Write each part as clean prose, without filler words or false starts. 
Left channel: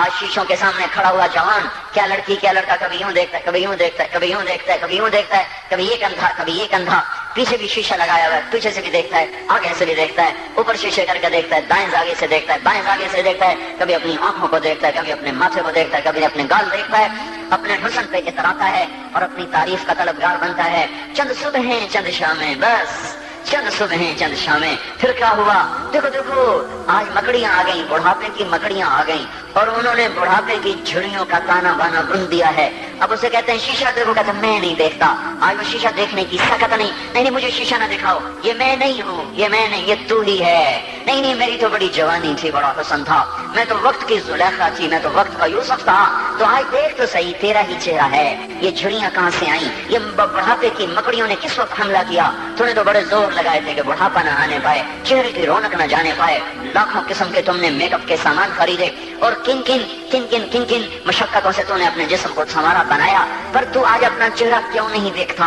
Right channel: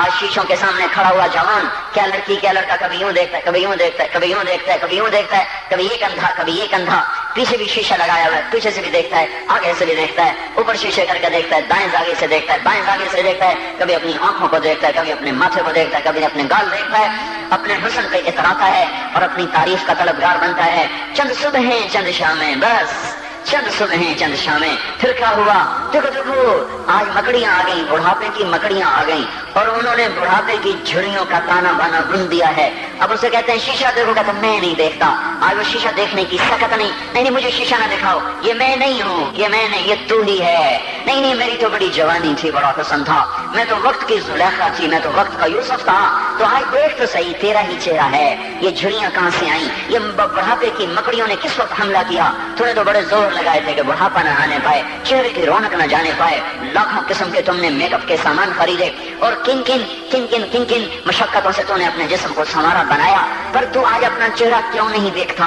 آج شیشوں کے سامنے کھڑا ہوا جوان کیا لڑکی کیا لڑکا کبھی یوں دیکھتا ہے کبھی یوں دیکھتا ہے کبھی یوں دیکھتا ہے کبھی یوں دیکھتا ہے، کبھی یہ کندھا کبھی یہ کندھا، پیچھے بھی شیشہ لگایا ہوا ہے، پیچھے سے بھی دیکھتا ہے آگے سے بھی دیکھتا ہے، اوپر شیشے کر کے دیکھتا ہے، دائیں زاویے سے دیکھتا ہے بائیں زاویے سے دیکھتا ہے، کبھی اپنی آنکھوں کو دیکھتا ہے کبھی اپنے ماتھے کو دیکھتا ہے کبھی اپنے گال دیکھتا ہے، اپنے حسن پہ اتراتا ہے اور اپنی تعریف کا طلبگار بنتا ہے۔ چند صبحیں چند شامیں، بس چند صبحیں چند شامیں، پھر کیا ہوا؟ دیکھو آج مکڑیاں آ گئیں، بڑھاپے کی مکڑیاں آ گئیں اور انہوں نے بڑھاپے کی جھڑیوں کا تانا بانا بن دیا ہے۔ اب اسے کہتے ہیں شیشہ دیکھو، کہتا میں نہیں دیکھتا۔ آج وہ شیشہ دیکھنے کی سکت نہیں مجھے شیشہ نہ دکھاؤ، یہ میں نہیں ہوں، یہ میں نہیں، یہ تو ہی ہے۔ نہیں میری تو بڑی جوانی تھی، بڑا حسن تھا، میں تو وقت کی زلیخا تھی، میں تو وقت کا یوسف تھا، تو آج دیکھ تو صحیح تیرا ہی چہرہ ہے۔ یہ جھڑیاں کہاں سے آئیں؟ یہ بڑھاپے کی مکڑیوں نے کس وقت حملہ کیا؟ تو نے تو بڑے زور لگائے تھے کہ بڑھاپا نہ آنے پائے، چہرے کی رونق نہ جانے پائے، لاکھوں قسم کے تم نے میک اپ کے سامان خریدے اور کن کن مشقتوں سے تم نے اپنے جسم کو سنوارا بنایا، پر تو آج اپنا چہرہ کیوں نہیں دیکھتا؟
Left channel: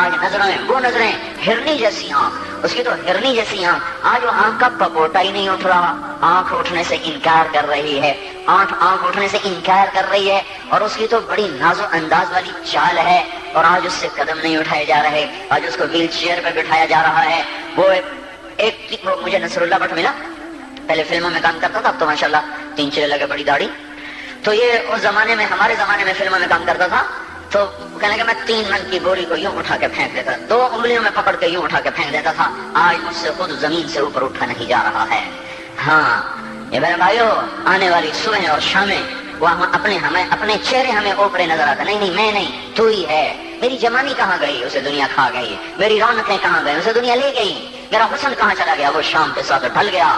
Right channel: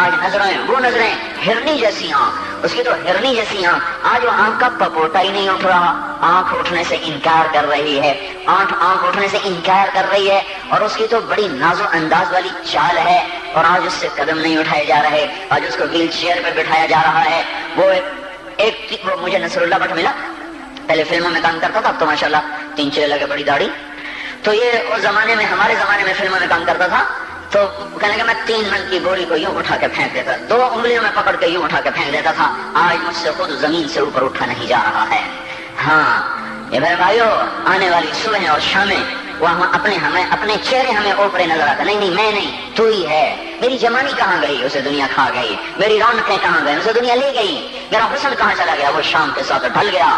آج نظریں وہ نظریں ہرنی جیسی آنکھ، اس کی تو ہرنی جیسی آنکھ، آج وہ آنکھ کا پپوٹا ہی نہیں اٹھ رہا، آنکھ اٹھنے سے انکار کر رہی ہے، آنکھ اٹھنے سے انکار کر رہی ہے، اور اس کی تو بڑی نازو انداز والی چال ہے، اور آج اس سے قدم نہیں اٹھائے جا رہے، آج اس کو ویل چیئر پہ بٹھایا جا رہا ہے۔ وہ مجھے نصر اللہ بٹ ملا، پہلے فلموں میں کام کرتا تھا، اب تو ماشاءاللہ 3 چیرے لگے، بڑی داڑھی، تو یہ اس زمانے میں ہمارے زمانے میں فلموں میں کام کرتا تھا، تو کہنے کہ میں 3 من کی بوری کو یوں اٹھا کے پھینک دیتا، 2 انگلیوں میں پکڑ کے یوں اٹھا کے پھینک دیتا تھا، آج مجھ سے خود زمین سے اوپر اٹھا نہیں جا رہا ہے۔ ہاں یہ میرے بھائیو، آنے والی صبح اور شامیں وہ اپنے چہرے ہمیں اوپرے نظر آتا، نہیں میں نہیں، تو ہی ہے۔ میری جوانی کہاں گئی؟ اسے دنیا کھا گئی۔ میری رونقیں کہاں گئی؟ اسے دنیا لے گئی۔ میرا حسن کہاں چلا گیا؟ وہ شام کے ساتھ ڈھل گیا۔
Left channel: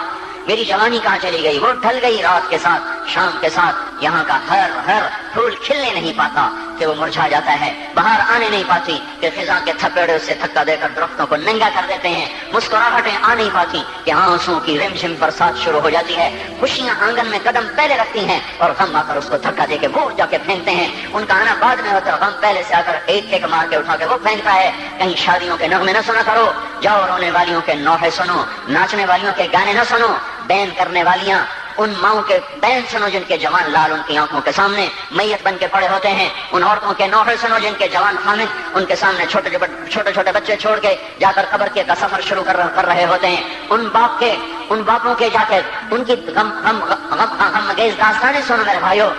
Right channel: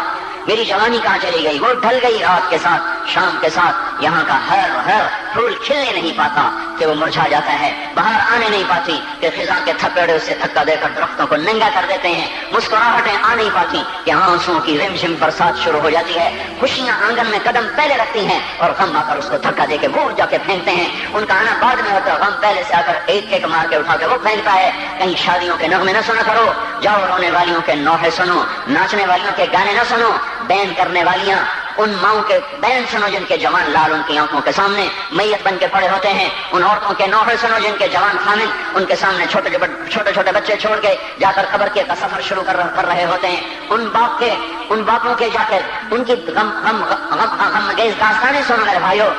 میری جوانی کہاں چلی گئی؟ وہ ڈھل گئی رات کے ساتھ، شام کے ساتھ۔ یہاں کا ہر پھول کھلنے نہیں پاتا کہ وہ مرجھا جاتا ہے، باہر آنے نہیں پاتی کہ خزاں کے تھپیڑے سے دھکا دے کر درختوں کو ننگا کر دیتے ہیں، مسکراہٹیں آ نہیں پاتی کہ آنسوؤں کی رمجم برسات شروع ہو جاتی ہے، خوشیاں آنگن میں قدم پہلے رکھتی ہیں اور غم آ کر اس کو دھکا دے کے وہ جا کے پھینکتے ہیں۔ ان کا آنا بعد میں ہوتا ہے، غم پہلے سے آ کر ایک مار کے اٹھا کے وہ پھینکتا ہے۔ کہیں شادیوں کے نغمے نہ سنا کرو، جاؤ رونے والیوں کے نوحے سنو، ناچنے والیوں کے گانے نہ سنو، بین کرنے والیاں ان ماؤں کے بین سنو جن کے جوان لال ان کی آنکھوں کے سامنے میت بن کے پڑے ہوتے ہیں، ان عورتوں کے نوحے سنو جن کے جوان خامد ان کے سامنے چھوٹے چھوٹے بچے چھوڑ کے جا کر قبر کے سفر شروع کر رہے ہوتے ہیں، ان باپوں کے جا کر ان کی غمگیز داستانیں سنو میرے بھائیو،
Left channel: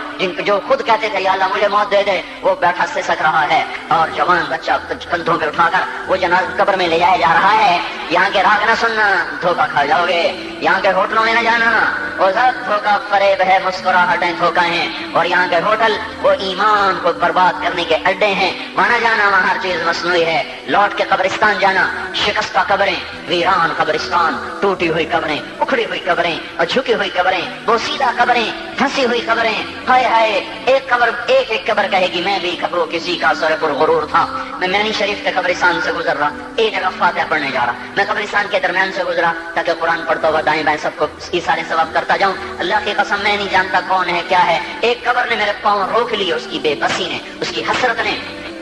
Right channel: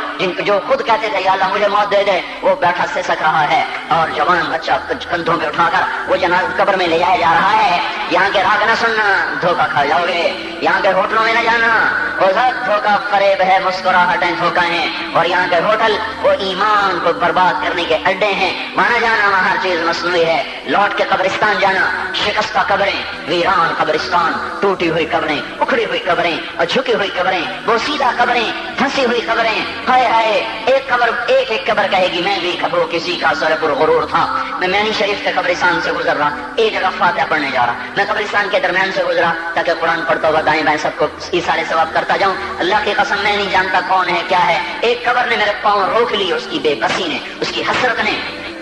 جو خود کہتے تھے یا اللہ مجھے موت دے دے، وہ بیٹھا سسک رہا ہے اور جوان بچہ کندھوں پہ اٹھا کر وہ جنازہ قبر میں لے جایا جا رہا ہے۔ یہاں کے راگ نہ سننا، دھوکہ کھا جاؤ گے، یہاں کے ہوٹلوں میں نہ جانا، وہ سب دھوکہ فریب ہے، مسکراہٹیں دھوکہ ہیں، اور یہاں کے ہوٹل وہ ایمان کو برباد کرنے کے اڈے ہیں، وہاں نہ جانا، وہاں ہر چیز مصنوعی ہے۔ لوٹ کے قبرستان جانا، شکستہ قبریں، ویران قبرستان، ٹوٹی ہوئی قبریں، اکھڑی ہوئی قبریں اور جھکی ہوئی قبریں، بوسیدہ قبریں، پھنسی ہوئی قبریں، ہائے ہائے، ایک قبر کہے گی میں بھی وہ کسی کا سر پر غرور تھا۔ میں مینی شریف کے قبرستان سے گزر رہا، ایک جگہ فاتحہ پڑھنے جا رہا، میں قبرستان کے درمیان سے گزرا تاکہ قرآن پڑھتا ہوا دائیں بائیں سب کو ایسارے ثواب کرتا جاؤں۔ اللہ کی قسم میں نہیں جانتا کون ہے کیا ہے، ایک قبر نے میرے پاؤں روک لی، اس کی بے بسی نے، اس کی حسرت نے،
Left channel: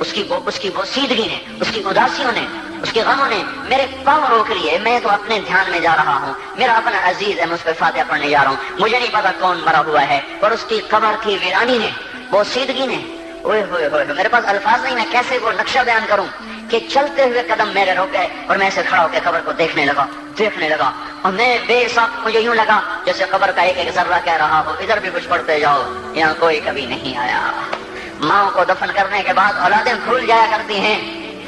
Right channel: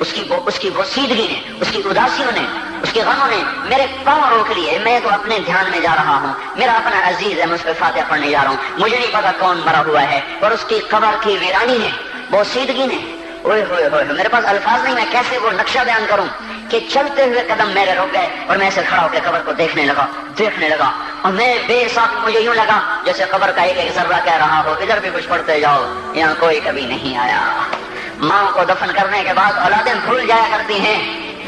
اس کی بوسیدگی نے، اس کی اداسیوں نے، اس کے غموں نے میرے پاؤں روک لیے۔ میں تو اپنے دھیان میں جا رہا ہوں، میرا اپنا عزیز ہے، میں اس پہ فاتحہ پڑھنے جا رہا ہوں، مجھے نہیں پتا کون مرا ہوا ہے، اور اس کی قبر کی ویرانی نے، بوسیدگی نے، اوئے ہوئے ہوئے، میرے پاس الفاظ نہیں، میں کیسے وہ نقشہ بیان کروں کہ چلتے ہوئے قدم میرے رک گئے اور میں ایسے کھڑا ہو کے قبر کو دیکھنے لگا، اور میں بے ساتھ مجھے یوں لگا جیسے قبر کا ایک ذرہ کہہ رہا ہو ادھر بھی کچھ پڑھتے جاؤ، یہاں کوئی کبھی نہیں آیا۔ ماں کو دفن کرنے کے بعد اولادیں بھول جایا کرتی ہیں،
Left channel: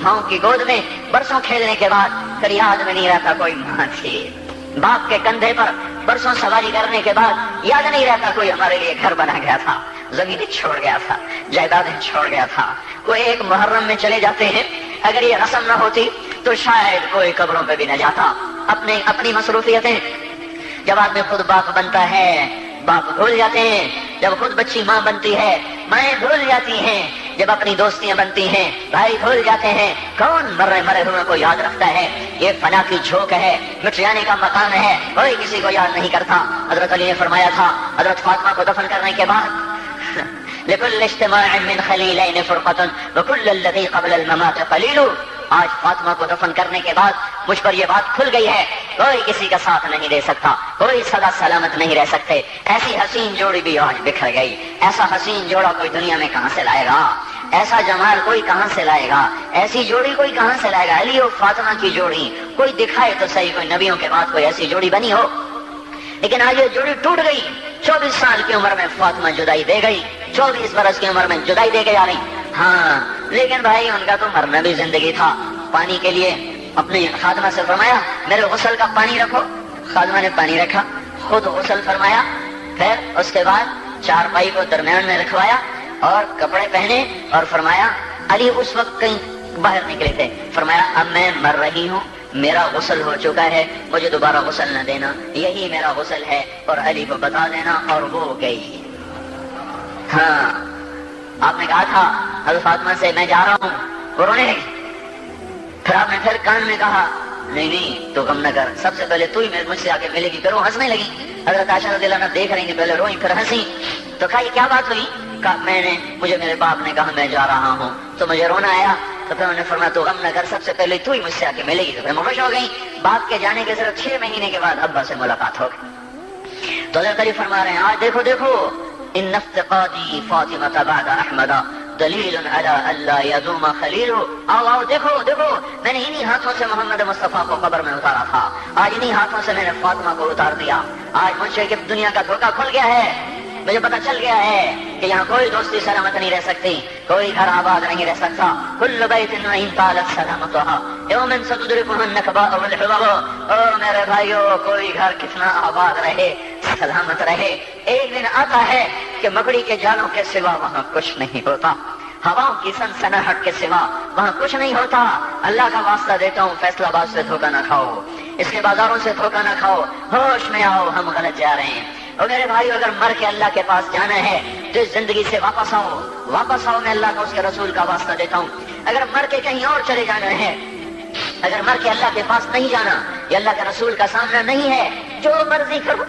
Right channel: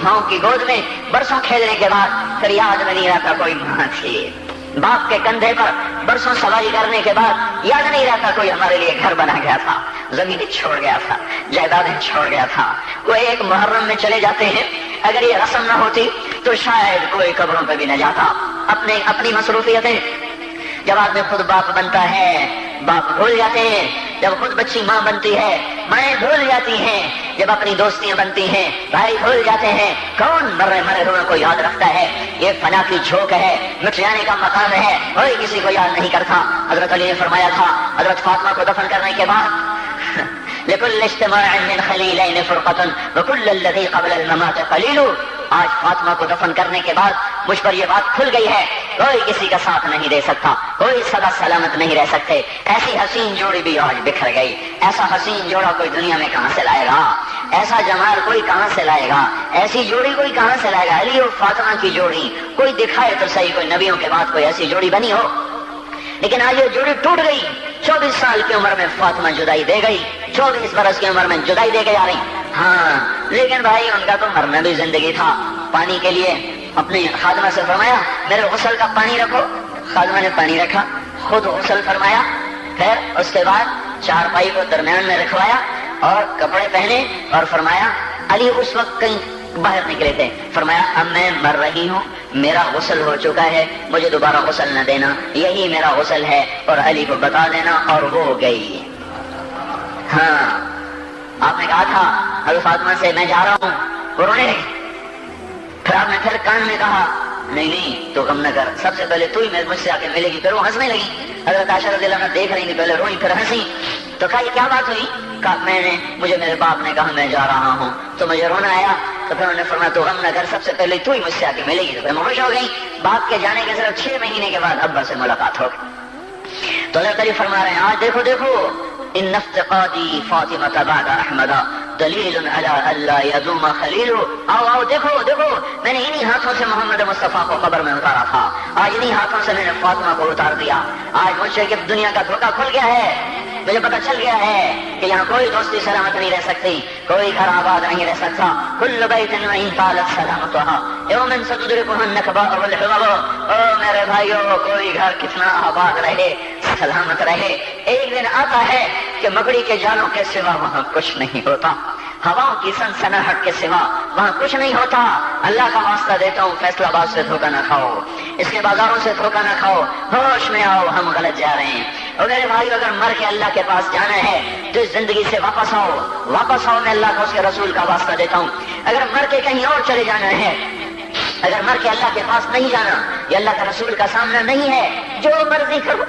ماں کی گود میں برسوں کھیلنے کے بعد پھر یاد میں نہیں رہتا کوئی ماں تھی، باپ کے کندھے پر برسوں سواری کرنے کے بعد یاد نہیں رہتا کوئی ہمارے لیے گھر بنا گیا تھا، زمین چھوڑ گیا تھا، جائیدادیں چھوڑ گیا تھا۔ وہ ایک محرم میں چلے جاتے ہیں، اگر یہ رسم نہ ہوتی تو شاید کوئی قبروں پہ بھی نہ جاتا۔ اپنی مصروفیتیں، جب آدمی خود باپ بنتا ہے باپ بھول جاتے ہیں، جب خود بچی ماں بنتی ہے مائیں بھول جاتی ہیں، جب اپنی دوستیاں بنتی ہیں بھائی بھول جاتے ہیں، کون مرے ہوئے کو یاد رکھتا ہے؟ یہ فنا کی جھوک ہے، مٹ جانے کا مقام ہے، کوئی کسی کو یاد نہیں کرتا۔ حضرت علی نے فرمایا تھا حضرت فاطمہ کو دفن کرنے کے بعد لكل اجتماع من خليلين فرقة وكل الذي قبل الممات قليل۔ آج فاطمہ کو دفن کرنے کے بعد مجھ پر یہ بات کھل گئی ہے کوئی کسی کا ساتھ نہیں دے سکتا، کوئی سدا سلامت نہیں رہ سکتے۔ ایسی حسین جوڑی بھی آج بکھر گئی، ایسا حسین جوڑا کوئی دنیا میں کہاں سے لائے گا، ایسا جمال کوئی کہاں سے لائے گا، ایسی جوڑی کوئی کہاں سے لائے گا۔ علی اور فاطمہ کی جوڑی کوئی دکھائے تو صحیح، کوئی نبیوں کے بعد کوئی ایسی جوڑی بنی ہو، لیکن آج یہ جوڑی ٹوٹ گئی۔ 24 سال کی عمر میں فاطمہ جدائی دے گئی، 24 برس کی عمر میں جدائی دے کے آ گئی۔ ہاں لیکن بھائی ان کا تو مرنا بھی زندگی تھا۔ پانی کے لیے اپنی خادمہ سے فرمایا میرے غسل کا پانی رکھو، خادمہ نے پانی رکھا، خود غسل فرمایا، پھر اس کے بعد چارپائی کو درمیان میں رکھوایا اور کپڑے پہنے اور فرمایا علی اس وقت کہیں باہر نکلے تھے، فرمایا اب میں مر رہی ہوں، میرا غسل ہو چکا ہے، مجھے دوبارہ غسل نہ دینا، یہی میرا غسل ہے اور علی کو بتا دینا، اور وہ گئی۔ ہاں آپ نے کہا تھا ابھی فاطمہ سے میں جا رہا ہوں، وہ رونے لگی، پھر آپ نے پھر کان میں کہا نہیں تو غم نہ کر، سب سے پہلے تو ہی مجھ سے آ کے ملے گی، پھر وہ ہنسنے لگی۔ حضرت عائشہ رضی اللہ عنہا دیکھ رہی تھی، پہلے روئی پھر ہنسی، تو کہا یہ کیا بات ہوئی؟ کہا مجھے میرے باپ نے کہا میں جا رہا ہوں تو مجھے رونا آیا، تو پھر انہوں نے فرمایا تو غم نہ کر، سب سے پہلے تو ہی مجھ سے آ کے ملے گی۔ پھر خوش ہو گئی۔ باپ کے جانے کے صرف 6 مہینے کے بعد ابا سے ملاقات ہو گئی۔ تو اللہ تعالیٰ فرما رہے ہیں آج دیکھو دیکھو ان افتقادی فاطمہ بعد احمد دلیل علی اللہ یدوم خلیل، آؤ دیکھو دیکھو میں نے انہی ہاتھوں سے محمد مصطفیٰ کو قبر میں اتارا تھا، آج انہی ہاتھوں سے میں نے فاطمہ کو اتار دیا۔ آج مجھے کہ دنیا کا دھوکہ کھل گیا ہے، مجھے پتہ چل گیا ہے کہ یہاں کوئی دوستی سلامت نہیں رہ سکتی، کوئی گھر آباد نہیں رہ سکتا۔ کل بیت ان طالت سلامتها یوما ستدركه النكباء والحمم، او میرے بھائیو کوئی گھر کتنا آباد رہے سلامت رہے، ایک دن آتا ہے کہ مکڑی کے جالوں کے سوا وہاں کچھ نہیں ہوتا، ہواؤں کی سنسناہٹ کے سوا وہاں کچھ نہیں ہوتا۔ اللہ کا واسطہ دیتا ہوں فیصلہ آباد سے دھوکہ نہ کھاؤ، اس کے بازاروں سے دھوکہ نہ کھاؤ، ہوش میں آؤ ہم غلط جا رہے ہیں۔ اور میرے بھائی اگر مر کے اللہ کے پاس جانا ہے تو اس زندگی سے واپس آؤ، واپس آؤ، میں اللہ کو اس کے رسول کا واسطہ دیتا ہوں۔ اگر مر کے کہیں اور چلے جانا ہے، اگر مر کے اللہ کے پاس نہیں جانا، یہ اللہ کے رسول کا سامنا نہیں ہے، جو مرضی کرو،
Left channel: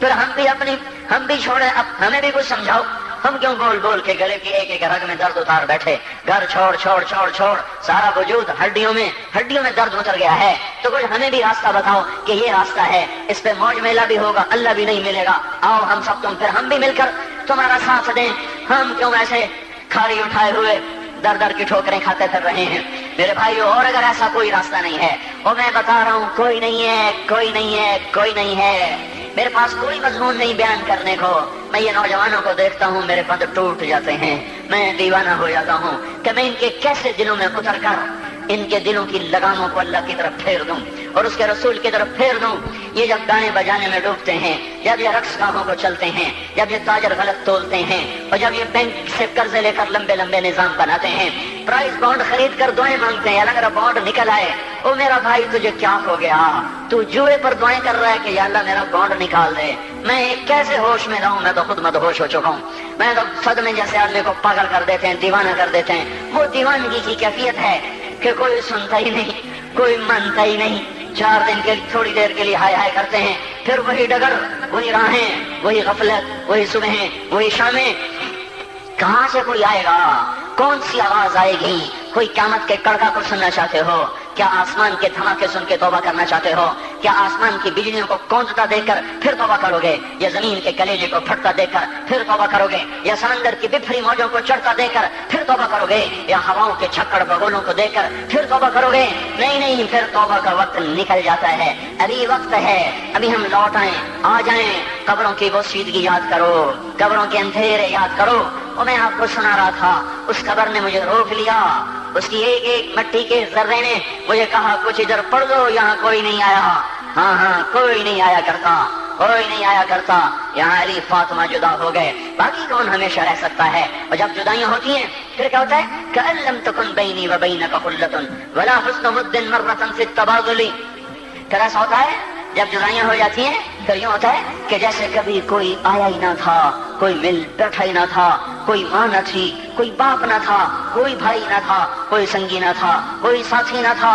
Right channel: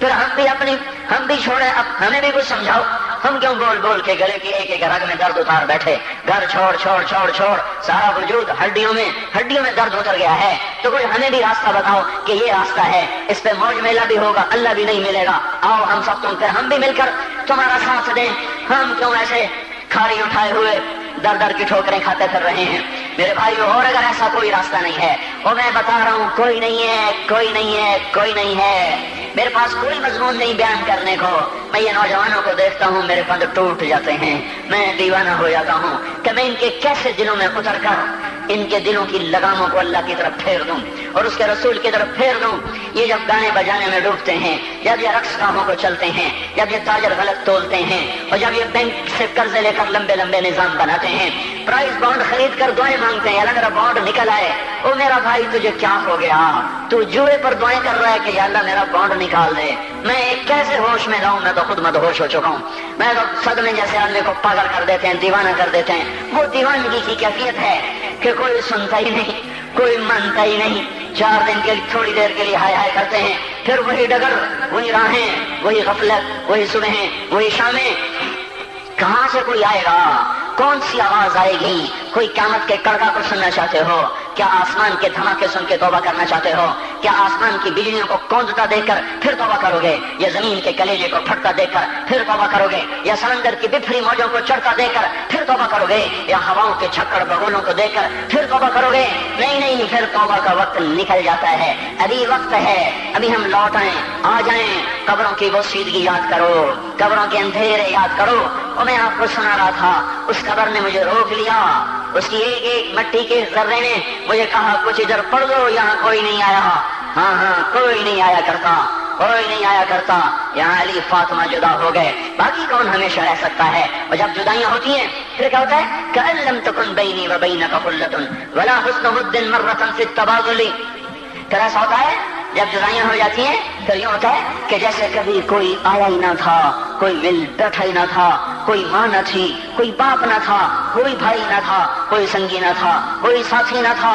پھر ہم بھی چھوڑیں، اب ہمیں بھی کچھ سمجھاؤ، ہم کیوں بول بول کے گلے کے ایک رگ میں درد اتار بیٹھے، گھر چھوڑ چھوڑ چھوڑ چھوڑ، سارا وجود ہڈیوں میں درد اتر گیا ہے، تو کوئی ہمیں بھی راستہ بتاؤ کہ یہ راستہ ہے، اس پہ موج میلہ بھی ہوگا، اللہ بھی نہیں ملے گا، آؤ ہم سب تم پھر ہم بھی مل کر تمہارا ساتھ دیں، ہم کیوں ایسے کھاڑی اٹھائے ہوئے در در کی ٹھوکریں کھاتے پھر رہے ہیں۔ میرے بھائیو اور اگر ایسا کوئی راستہ نہیں ہے، اور میں بتا رہا ہوں کوئی نہیں ہے، کوئی نہیں ہے، کوئی نہیں ہے، میرے پاس کوئی مضمون نہیں بیان کرنے کو، میں یہ نوجوانوں کو دیکھتا ہوں میرے پند ٹوٹ جاتے ہیں، میں دیوانہ ہو جاتا ہوں کہ میں ان کے کیسے دلوں میں اتر کر ان کے دلوں کی لگاموں کو اللہ کی طرف پھیر دوں اور اس کے رسول کی طرف پھیر دوں۔ یہ جب گانے بجانے میں ڈوبتے ہیں، جب یہ رقص کاموں کو چلتے ہیں، جب یہ تاجر غلط تولتے ہیں، اور جب یہ بینک سے قرضے لے کر لمبے لمبے نظام بناتے ہیں، پرائز بانڈ خرید کر دعائیں مانگتے ہیں، اللہ میرا بانڈ نکل آئے، او میرا بھائی تجھے کیا ہو گیا؟ تو جوئے پر دعائیں کر رہا ہے کہ یا اللہ میرا بانڈ نکال دے، میں کیسے ہوش میں رہوں؟ میں تو خود مدہوش ہو چکا ہوں، میں تو صدمے جیسے آدمی کو پاگل کر دیتے ہیں، دیوانہ کر دیتے ہیں۔ وہ دیوانگی کی کیفیت ہے کہ کوئی سنتا ہی نہیں، کوئی مانتا ہی نہیں، 4 دن کے تھوڑی دیر کے لیے ہائے ہائے کرتے ہیں، پھر وہی ڈگر، وہی راہیں، وہی غفلت، وہی صبحیں، وہی شامیں۔ کہاں سے کوئی آئے گا؟ کون سی آواز آئے گی؟ کوئی قیامت کے کڑکا کو سننا چاہتے ہو؟ کیا آسمان کے دھماکے سن کے توبہ کرنا چاہتے ہو؟ کیا آسمان کی بجلیوں کو کونجتا دیکھ کر پھر توبہ کرو گے، یا زمین کے کلیجے کو پھٹتا دیکھ کر پھر توبہ کرو گے، یا سمندر کی بکھری موجوں کو چڑھتا دیکھ کر پھر توبہ کرو گے، یا ہواؤں کے چھکڑ بگولوں کو دیکھ کر پھر توبہ کرو گے؟ نہیں، پھر توبہ کا وقت نکل جاتا ہے، ابھی وقت ہے، ابھی ہم لوٹ آئیں، آ جائیں، قبروں کی وہ سیدگی یاد کرو، قبروں کے اندھیرے یاد کرو۔ اور میں آپ کو سنا رہا تھا، اس قبر نے مجھے روک لیا، اس کی ایک ایک مٹی کے ذرے نے مجھے کہا کچھ ادھر پڑھ دو، یہاں کوئی نہیں آیا، ہاں کوئی نہیں آیا کرتا، کوئی نہیں آیا کرتا، یہاں علی فاطمہ جدا ہو گئے، باقی کون ہمیشہ رہ سکتا ہے؟ اور جب جدائیاں ہوتی ہیں پھر کیا ہوتا ہے؟ كأن لم تكن بيني وبينك خلة ولا حسن ود مرة في التبادل۔ پھر ایسا ہوتا ہے جب جدائیاں ہو جاتی ہیں پھر یوں ہوتا ہے کہ جیسے کبھی کوئی آیا ہی نہ تھا، کوئی مل بیٹھا ہی نہ تھا، کوئی ماں نہ تھی، کوئی باپ نہ تھا، کوئی بھائی نہ تھا، کوئی سنگی نہ تھا، کوئی ساتھی نہ تھا،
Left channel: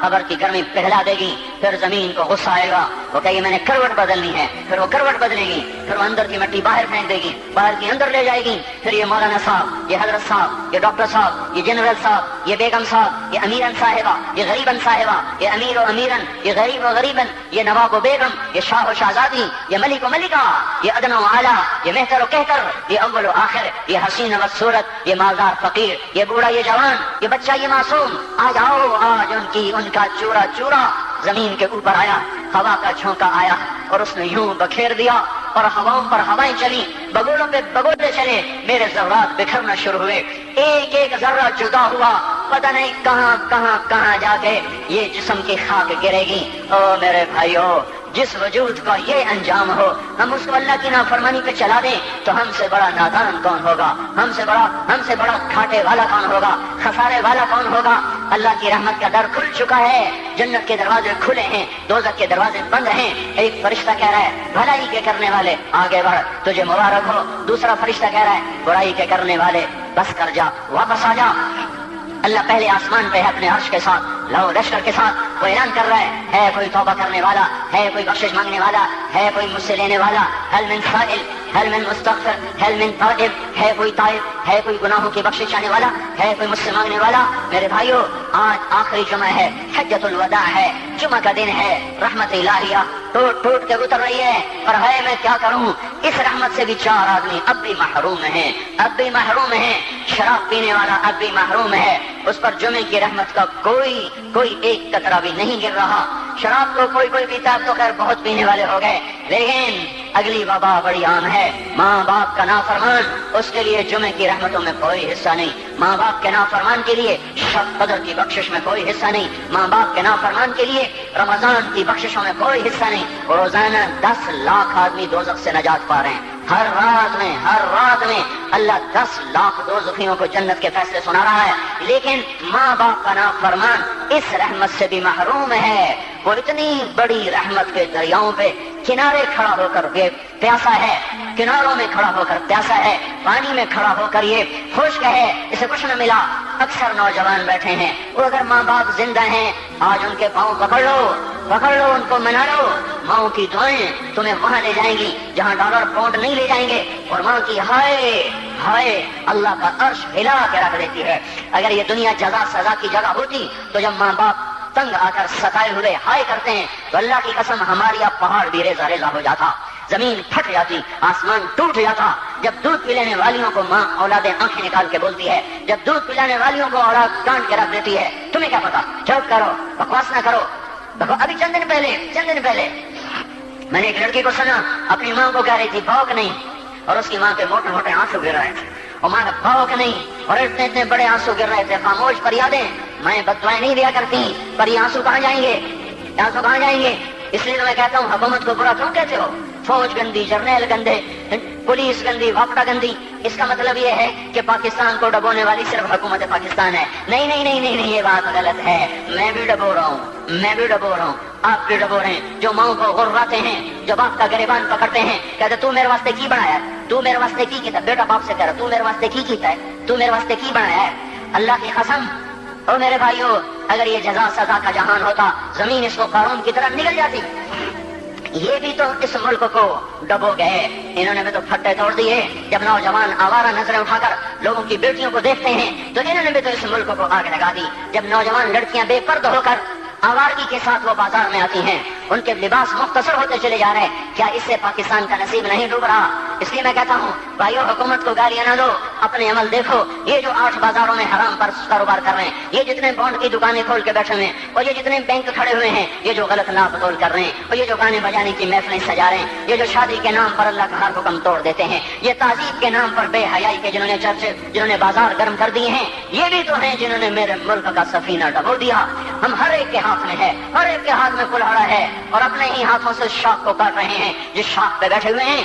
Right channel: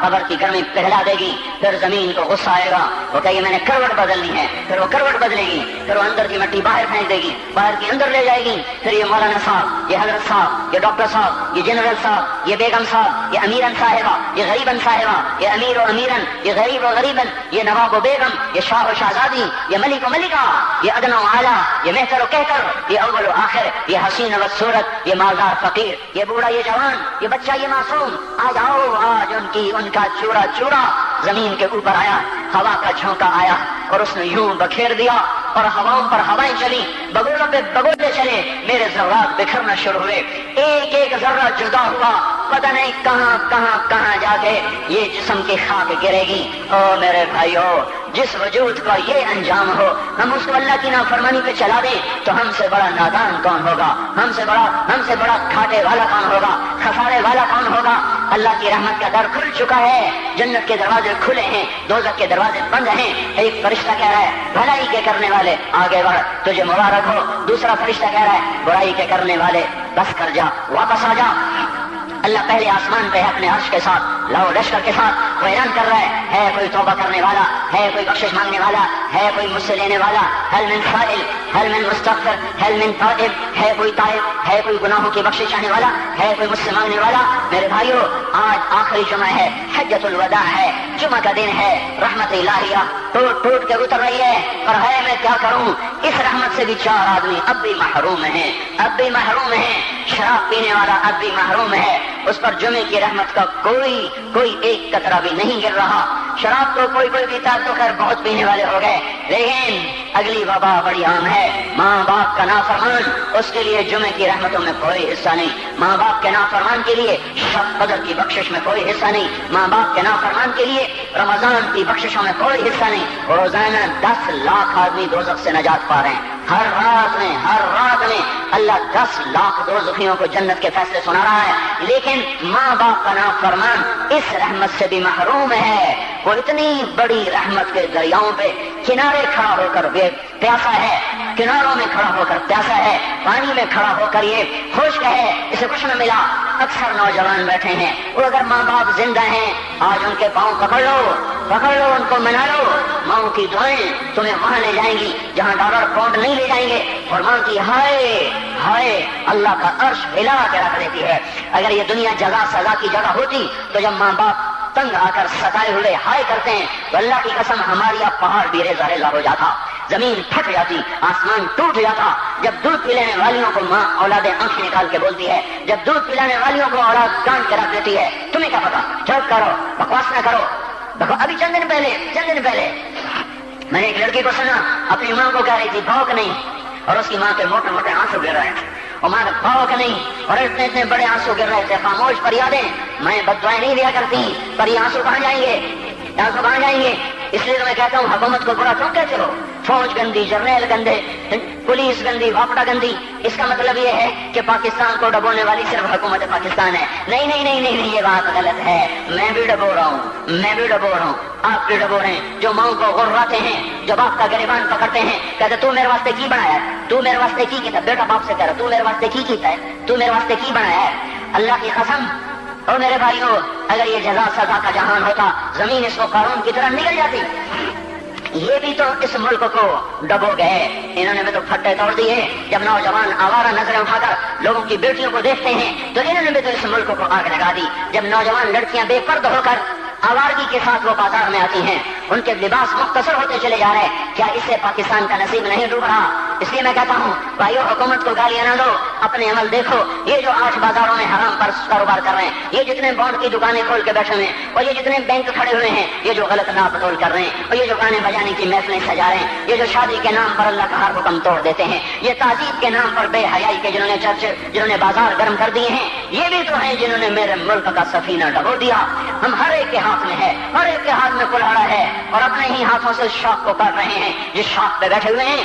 قبر کی گرمی پگھلا دے گی، پھر زمین کو غصہ آئے گا، وہ کہے گی میں نے کروٹ بدلنی ہے، پھر وہ کروٹ بدلے گی، پھر وہ اندر کی مٹی باہر پھینک دے گی، باہر کی اندر لے جائے گی، پھر یہ مولانا صاحب، یہ حضرت صاحب، یہ ڈاکٹر صاحب، یہ جنرل صاحب، یہ بیگم صاحب، یہ امیرن صاحبہ، یہ غریبن صاحبہ، یہ امیر و امیرن، یہ غریب و غریبن، یہ نواب و بیگم، یہ شاہ و شہزادی، یہ ملک و ملکہ، یہ ادنی و اعلیٰ، یہ مہتر و کہتر، یہ اول و آخر، یہ حسین و صورت، یہ مالدار فقیر، یہ بوڑھا یہ جوان، یہ بچہ یہ معصوم، آج آؤ، آج ان کا چورا چورا زمین کے اوپر آیا، ہوا کا جھونکا آیا اور اس نے یوں بکھیر دیا اور ہواؤں پر ہوائیں چلی، بگولوں پہ بگولے چلے، میرے ذرات بکھرنا شروع ہوئے، ایک ایک ذرہ جدا ہوا، پتہ نہیں کہاں کہاں کہاں جا کے یہ جسم کی خاک گرے گی۔ او میرے بھائیو، جس وجود کا یہ انجام ہو، ہم اس کو اللہ کی نافرمانی پہ چلا دیں تو ہم سے بڑا نادان کون ہوگا، ہم سے بڑا گھاٹے والا کون ہوگا، خسارے والا کون ہوگا۔ اللہ کی رحمت کا در کھل چکا ہے، جنت کے دروازے کھلے ہیں، دوزخ کے دروازے بند ہیں۔ ایک فرشتہ کہہ رہا ہے بھلائی کے کرنے والے آگے بڑھ، تجھے مبارک ہو۔ دوسرا فرشتہ کہہ رہا ہے برائی کے کرنے والے بس کر جا، واپس آ جا۔ اللہ پہلے آسمان پہ اپنے عرش کے ساتھ لو لشکر کے ساتھ وہ اعلان کر رہا ہے کوئی توبہ کرنے والا، ہے کوئی بخشش مانگنے والا، ہے کوئی مجھ سے لینے والا، هل من سائل، هل من مستغفر، هل من تائب، ہے کوئی تائب، ہے کوئی گناہوں کی بخشش چاہنے والا، ہے کوئی مجھ سے مانگنے والا۔ میرے بھائیو، آج آخری جمعہ ہے، حجۃ الوداع ہے، جمعہ کا دن ہے، رحمت الہیہ ٹوٹ ٹوٹ کے اتر رہی ہے، پر ہے میں کیا کروں، اس رحمت سے بھی 4 آدمی اب بھی محروم ہیں، اب بھی محروم ہیں۔ شراب پینے والا اب بھی محروم ہے، اس پر جمعے کی رحمت کا کوئی ایک قطرہ بھی نہیں گر رہا۔ شراب تو کوئی پیتا تو خیر بہت پینے والے ہو گئے، لیکن اگلی وبا بڑی عام ہے، ماں باپ کا نافرمان، اس کے لیے جمعے کی رحمتوں میں کوئی حصہ نہیں، ماں باپ کے نافرمان کے لیے شب قدر کی بخشش میں کوئی حصہ نہیں، ماں باپ کے نافرمان کے لیے رمضان کی بخششوں میں کوئی حصہ نہیں۔ روزانہ 10 لاکھ آدمی دوزخ سے نجات پا رہے ہیں، ہر رات میں اللہ 10 لاکھ دوزخیوں کو جنت کے فیصلے سنا رہا ہے، لیکن ماں باپ کا نافرمان اس رحمت سے بھی محروم ہے۔ وہ اتنی بڑی رحمت کے دریاؤں پہ کنارے کھڑا ہو کر یہ پیاسا ہے، کناروں میں کھڑا ہو کر پیاسا ہے، پانی میں کھڑا ہو کر یہ خشک ہے، اسے کچھ نہ ملا۔ اکثر نوجوان بیٹھے ہیں، وہ اگر ماں باپ زندہ ہیں آج ان کے پاؤں پکڑ لو، ان کو منا لو، ماں کی دعائیں تمہیں وہاں لے جائیں گی جہاں ڈالر پاؤنڈ نہیں لے جائیں گے، اور ماں کی ہائے اللہ کا عرش ہلا کے رکھ دیتی ہے۔ اگر یہ دنیا جزا سزا کی جگہ ہوتی تو جب ماں باپ تنگ آ کر ستائے ہوئے ہائے کرتے ہیں تو اللہ کی قسم ہماری اب پہاڑ بھی ریزہ ریزہ ہو جاتا، زمین پھٹ جاتی، آسمان ٹوٹ جاتا۔ جب دودھ پلانے والیوں کو ماں اولادیں آنکھیں نکال کے بولتی ہے، جب دودھ پلانے والیوں کو اولاد کان کے رکھ دیتی ہے، تمہیں کیا پتا، چپ کرو، بکواس نہ کرو۔ دیکھو ابھی چند دن پہلے میں نے ایک لڑکی کو سنا اپنی ماں کو کہہ رہی تھی بھوک نہیں، اور اس کی ماں کے موٹے موٹے آنسو گر رہے تھے، اور ماں کا بھوک نہیں، اور اتنے بڑے آنسو گر رہے تھے۔ خاموش فریادیں، میں بددعائیں نہیں دیا کرتی، پر یہ آنسو کہاں جائیں گے؟ اس لیے میں کہتا ہوں حکومت کو برا کیوں کہتے ہو؟ فوج گندی، جرنیل گندے، پولیس گندی، واپڈا گندی، اس کا مطلب یہ ہے کہ پاکستان کو ڈبونے والی صرف حکومت پاکستان ہے۔ نہیں، یہ بات غلط ہے۔ میں بھی ڈبو رہا ہوں، آپ بھی ڈبو رہے ہیں، جو ماں کو غرراتے ہیں، جو باپ کا گریبان پکڑتے ہیں، کہتے تو میرے واسطے کی بنایا ہے، تو میرے واسطے کی کیتا، بیٹا باپ سے کہہ رہا تو میرے واسطے کی کیتا ہے، تو میرے واسطے کی بنایا ہے۔ اللہ کی قسم، اور میرے بھائیو، اگر یہ جزا سزا کا جہان ہوتا، زمین اس کو قارون کی طرح نگل جاتی۔ یہ بھی تو اس ملک کو ڈبو گئے، انہوں نے بھی تو پھٹے توڑ دیے۔ جب نوجوان آوارہ نظریں اٹھا کر لوگوں کی بیٹیوں کو دیکھتے ہیں تو انہوں نے بھی تو اس ملک کو آگ لگا دی۔ جب نوجوان لڑکیاں بے پردہ ہو کر آوارگی کے ساتھ وہ بازار میں آتی ہیں، ان کے لباس مختصر ہوتے چلے جا رہے ہیں، کیا اس سے پاکستان کا نصیب نہیں ڈوب رہا؟ اس لیے میں کہتا ہوں بھائیو، حکومت کو گالیاں نہ دو، اپنے عمل دیکھو۔ یہ جو آج بازاروں میں حرام پر کاروبار کر رہے ہیں، یہ جتنے بانڈ کی دکانیں کھول کے بیٹھے ہوئے ہیں، اور یہ جتنے بینک کھڑے ہوئے ہیں، یہ جو غلط ناپ تول کر رہے ہیں، اور یہ جو گانے بجانے کی محفلیں سجا رہے ہیں، یہ جو شادی کے نام پر اللہ کا ہر حکم توڑ دیتے ہیں، یہ تہذیب کے نام پر بے حیائی کے جنہوں نے چرچ، جنہوں نے بازار گرم کر دیے ہیں، یہ بھی تو ہیں جنہوں نے میرے ملک کا سفینہ ڈبو دیا۔ ہم ہر ایک کے ہاتھ میں ہے، ہر ایک کے ہاتھ میں کلہاڑا ہے، اور اپنے ہی ہاتھوں سے شاخ کو کاٹ رہے ہیں۔ جس شاخ پہ بیٹھے ہوئے ہیں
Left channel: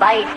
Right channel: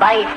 22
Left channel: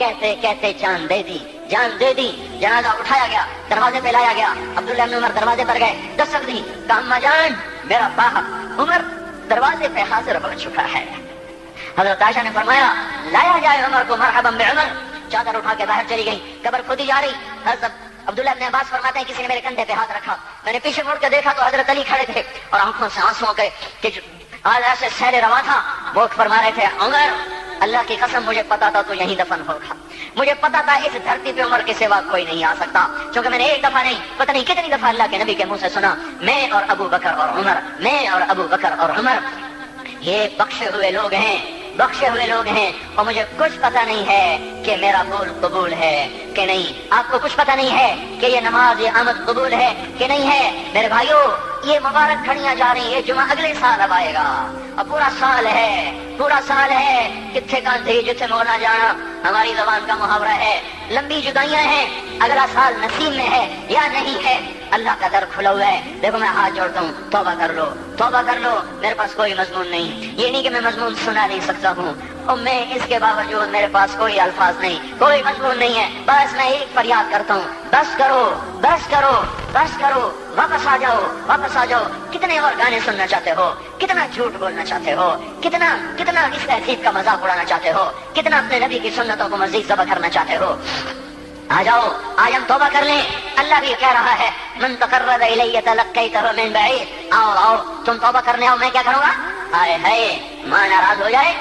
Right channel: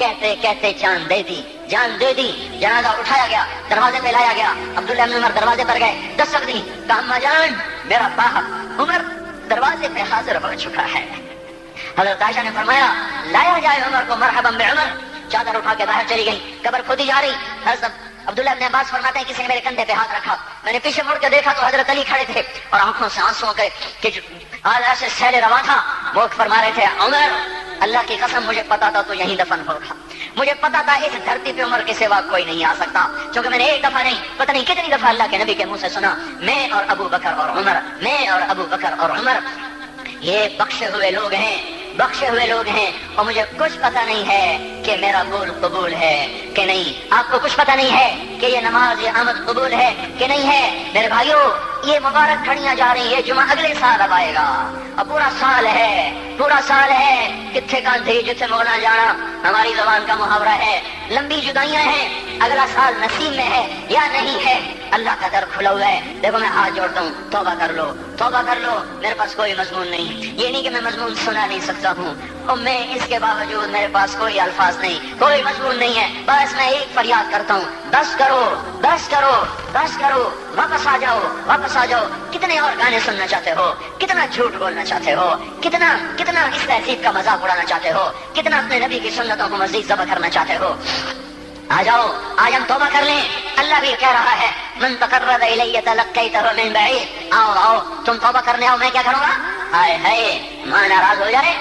کہتے کہتے جان دے دی، جان دے دی۔ جنازہ اٹھایا گیا، دروازے پہ لایا گیا، عبداللہ بن عمر دروازے پر گئے، دستک دی، کہا اما جان میرا باپ عمر دروازے پہ حاضر ہو چکا ہے۔ حضرت عائشہ نے فرمایا لایا جائے عمر کو، مرحبا بعمر۔ چادر اٹھا کے باہر چلی گئی، قبر کھودی جا رہی۔ حضرت عبداللہ ابن عباس فرماتے ہیں کسی نے میرے کندھے پہ ہاتھ رکھا، میں نے پیچھے مڑ کے دیکھا تو حضرت علی کھڑے تھے اور آنکھوں سے آنسو کے ایسے سیل روا تھا، وہ فرما رہے تھے عمر اللہ کی قسم مجھے پتا تھا تو یہیں دفن ہوگا، مجھے پتا تھا اس دھرتی پہ عمر کے سوا کوئی نہیں آ سکتا، کیونکہ میں نے ایک دفعہ نہیں پتہ نہیں کتنی دفعہ اللہ کے نبی کے منہ سے سنا میں اور ابو بکر اور عمر، میں اور ابو بکر اور عمر یہ بخشے ہوئے لوگ ہیں، بخشے ہوئے لوگ ہیں، اور مجھے کچھ پتہ نہیں ہے کہ میرا قول قبول ہے کہ نہیں، آپ کو کچھ پتہ نہیں ہے کہ یہ نماز یہ آمد قبول ہے کہ نہیں ہے۔ میرے بھائیوں یہ مبارک گھڑیاں جا رہی ہے، جمعہ اگلے سال اب آئے گا اور پورا سال ہے، پورا سال ہے، کتنے گاندھی جتنے مولا جانا ہماری زبان کا محاورہ ہے، لمبی جدائیاں ہیں، اگلا سال نصیب میں ہے یا نہیں ہے، اللہ کا در کھلا ہوا ہے۔ دیکھو میں ہاتھ جوڑتا ہوں، توبہ کر لو، توبہ کر لو، میرے پاس کوئی مضمون نہیں، یہ نہیں کہ میں مضمون سنا نہیں سکتا ہوں، اور میں اس کے باوجود میرے پاس کوئی الفاظ نہیں، کوئی مضمون نہیں ہے، بس میں ایک فریاد کرتا ہوں بس کرو، بس کرو، بس کرو، واپس آ جاؤ، واپس آ جاؤ۔ کتنے اور گانے سننا چاہتے ہو، کتنا جھوٹ بولنا چاہتے ہو، کتنا اس تہذیب کا مذاق اڑانا چاہتے ہو، کتنا اپنے نبی کی سنتوں کو مزید ذبح کرنا چاہتے ہو۔ آ جاؤ، آج ہم توبہ کر لیں، اللہ بھی کہہ رہا ہے من تقرب الی تلقیتہ من بعید، آؤ آؤ تم توبہ کرنے آؤ، میں کیا کروں گا؟ ہائے ہائے، ماں ناراض ہو جائے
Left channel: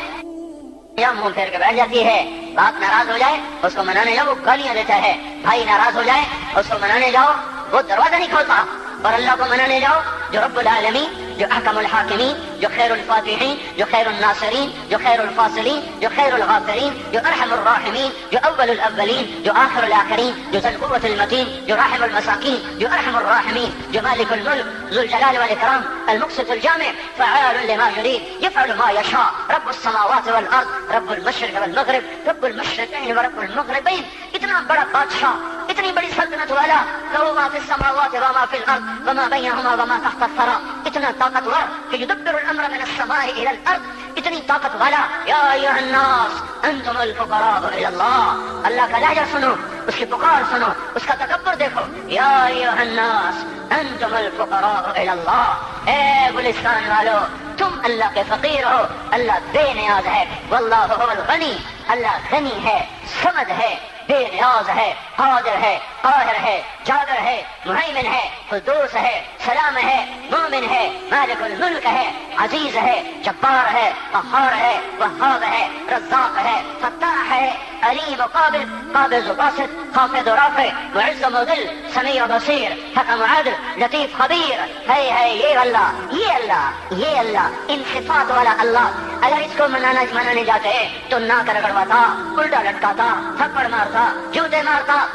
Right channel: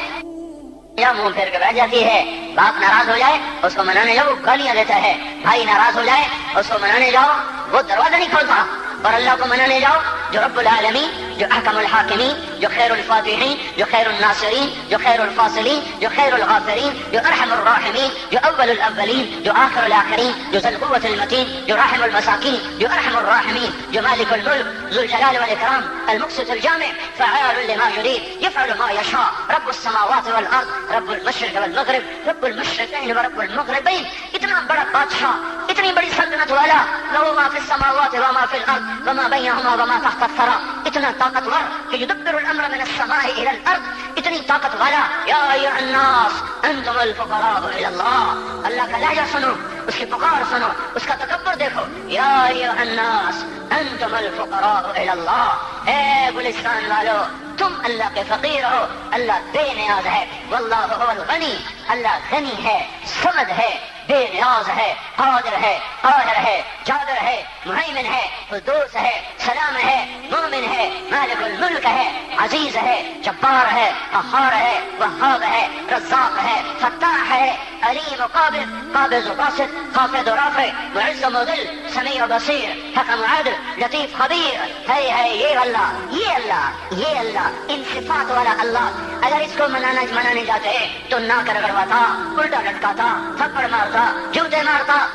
یا منہ پھیر کے بیٹھ جاتی ہے، باپ ناراض ہو جائے اس کو منانے جاؤ گالیاں دیتا ہے، بھائی ناراض ہو جائے اس کو منانے جاؤ وہ دروازہ نہیں کھولتا، اور اللہ کو منانے جاؤ جو رب العالمین، جو احکم الحاکمین، جو خیر الفاتحین، جو خیر الناصرین، جو خیر الفاصلین، جو خیر الغافرین، جو ارحم الراحمین، جو اول الاولین، جو آخر الاخرین، جو ذو القوة المتین، جو راحم المساکین، جو ارحم الراحمین، جو مالک الملک ذو الجلال والاکرام المقسط الجامع فعال لما يريد يفعل ما يشاء رب السماوات والارض رب المشرق والمغرب رب المشرقین ورب المغربین۔ اتنا بڑا بادشاہ، اتنی بڑی سلطنت والا، لہ ما فی السماوات وما فی الارض وما بینہما وما تحت الثری، اتنا طاقتور کہ یدبر الامر من السماء الى الارض، اتنی طاقت والا۔ یا ایھا الناس انتم الفقراء الی اللہ، اللہ کا لہجہ سنو، اس کی پکار سنو، اس کا تکبر دیکھو۔ یا ایھا الناس انتم الفقراء الی اللہ، اے گلستان والو تم اللہ کے فقیر ہو، اللہ بے نیاز ہے، واللہ هو الغنی، اللہ غنی ہے، صمد ہے، بے نیاز ہے، قادر ہے، قاہر ہے، جابر ہے، مہیمن ہے، قدوس ہے، سلام ہے، مومن ہے، مالک الملک ہے، عزیز ہے، جبار ہے، قہار ہے، وہاب ہے، رزاق ہے، فتاح ہے، علیم قابض، قابض باسط، خافض رافع، معز مذل، سمیع بصیر، حکم عدل، لطیف خبیر، ہے یہ اللہ، یہ اللہ، یہ اللہ، ان صفات والا اللہ۔ اگر اس کو منانے جاتے تو ناک رگڑواتا، الٹا لٹکاتا، تھپڑ مارتا، جوتے مارتا،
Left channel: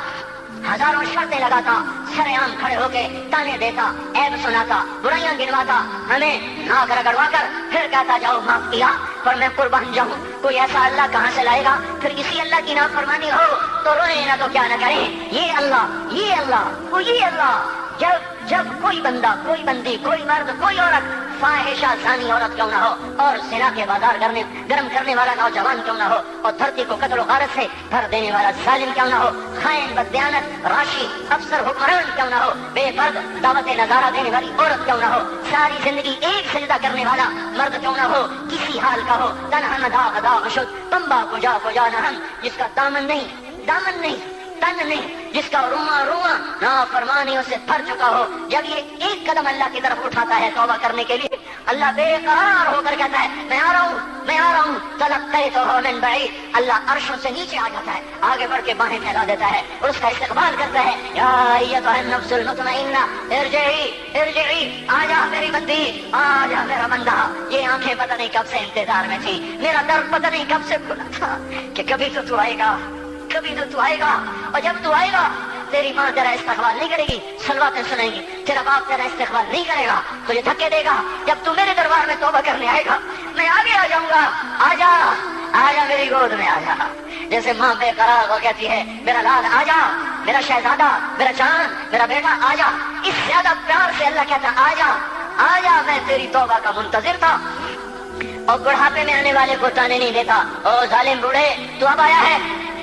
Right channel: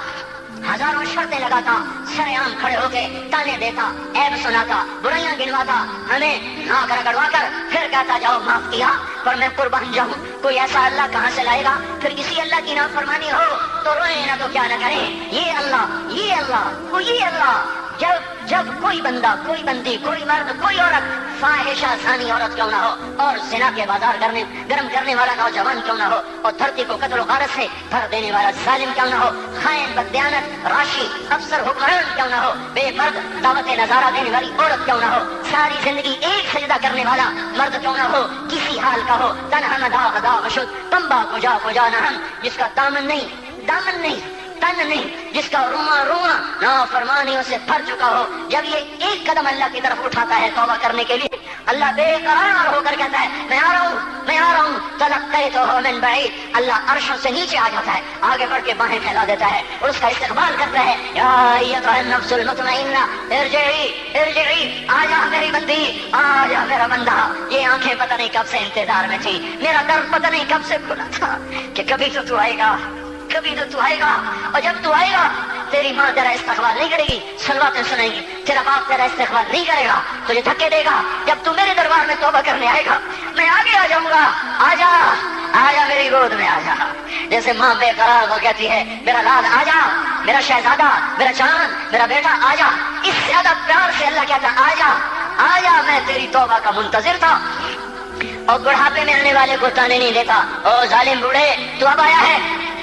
ہزاروں شرطیں لگاتا، سر عام کھڑے ہو کے تانے دیتا، عیب سناتا، برائیاں گنواتا، ہمیں ناک رگڑوا کر پھر کہتا جاؤ معاف کیا پر میں قربان جاؤں۔ کوئی ایسا اللہ کہاں سے لائے گا؟ پھر کسی اللہ کی نافرمانی ہو تو روئے نہ تو کیا نہ کرے۔ یہ اللہ، یہ اللہ، یہ اللہ، جب کوئی بندہ، کوئی بندی، کوئی مرد، کوئی عورت فاحشہ زانی عورت کیوں نہ ہو، اور زنا کے بازار گرم کرنے والا نوجوان کیوں نہ ہو، اور دھرتی کو قتل و غارت سے بھر دینے والا ظالم کیوں نہ ہو، خائن بدیانت راشی افسر حکمران کیوں نہ ہو، بے مرد دعوت نظارہ دینے والی عورت کیوں نہ ہو، ساری زندگی ایک سجدہ کرنے والا مرد کیوں نہ ہو، کسی حال کا ہو، تنہا داغ داغ شد تمبا کجا نہ ہم، جس کا دامن نہیں تن نہیں، جس کا رواں نافرمانیوں سے بھر چکا ہو، جب یہ ایک قدم اللہ کی طرف اٹھاتا ہے توبہ کرنے کے لیے، اللہ بے قرار ہو کر کہتا ہے میں آ رہا ہوں تلقیتہ من بعید، اللہ عرشوں سے نیچے آ جاتا ہے، آگے بڑھ کے باہیں پھیلا دیتا ہے اور اس کا استقبال کرتا ہے۔ یا ایھا النفس المطمئنہ ارجعی، آ جا میری بندی، آ جا میرا بندہ۔ یہ آنکھیں پتہ نہیں کب سے انتظار میں تھی، میرا در پتہ نہیں کب سے کھلا تھا کہ کبھی تو آئے گا، کبھی تو آئے گا، اور جب تو آئے گا تیری ماں تیرا استقبال نہیں کرے گی، صلواتیں سنائے گی، تیرا باپ تیرا استقبال نہیں کرے گا، تجھے دھکے دے گا۔ جب تو میرے دربار میں توبہ کرنے آئے گا میں آگے آ جاؤں گا، آ جا میری گود میں آ جا۔ جیسے ماں بے قرار ہو کہتی ہے میرا لال آ جا، میرا شہزادہ، میرا چاند، میرا بیٹا آ جا، اس زیادہ پیار سے اللہ کہتا آ جا، میں تیری توبہ کا منتظر تھا۔ اور بڑھاپے میں آنے والے کو تانے نہیں دیتا، او ظالم بوڑھے تو اب آیا ہے،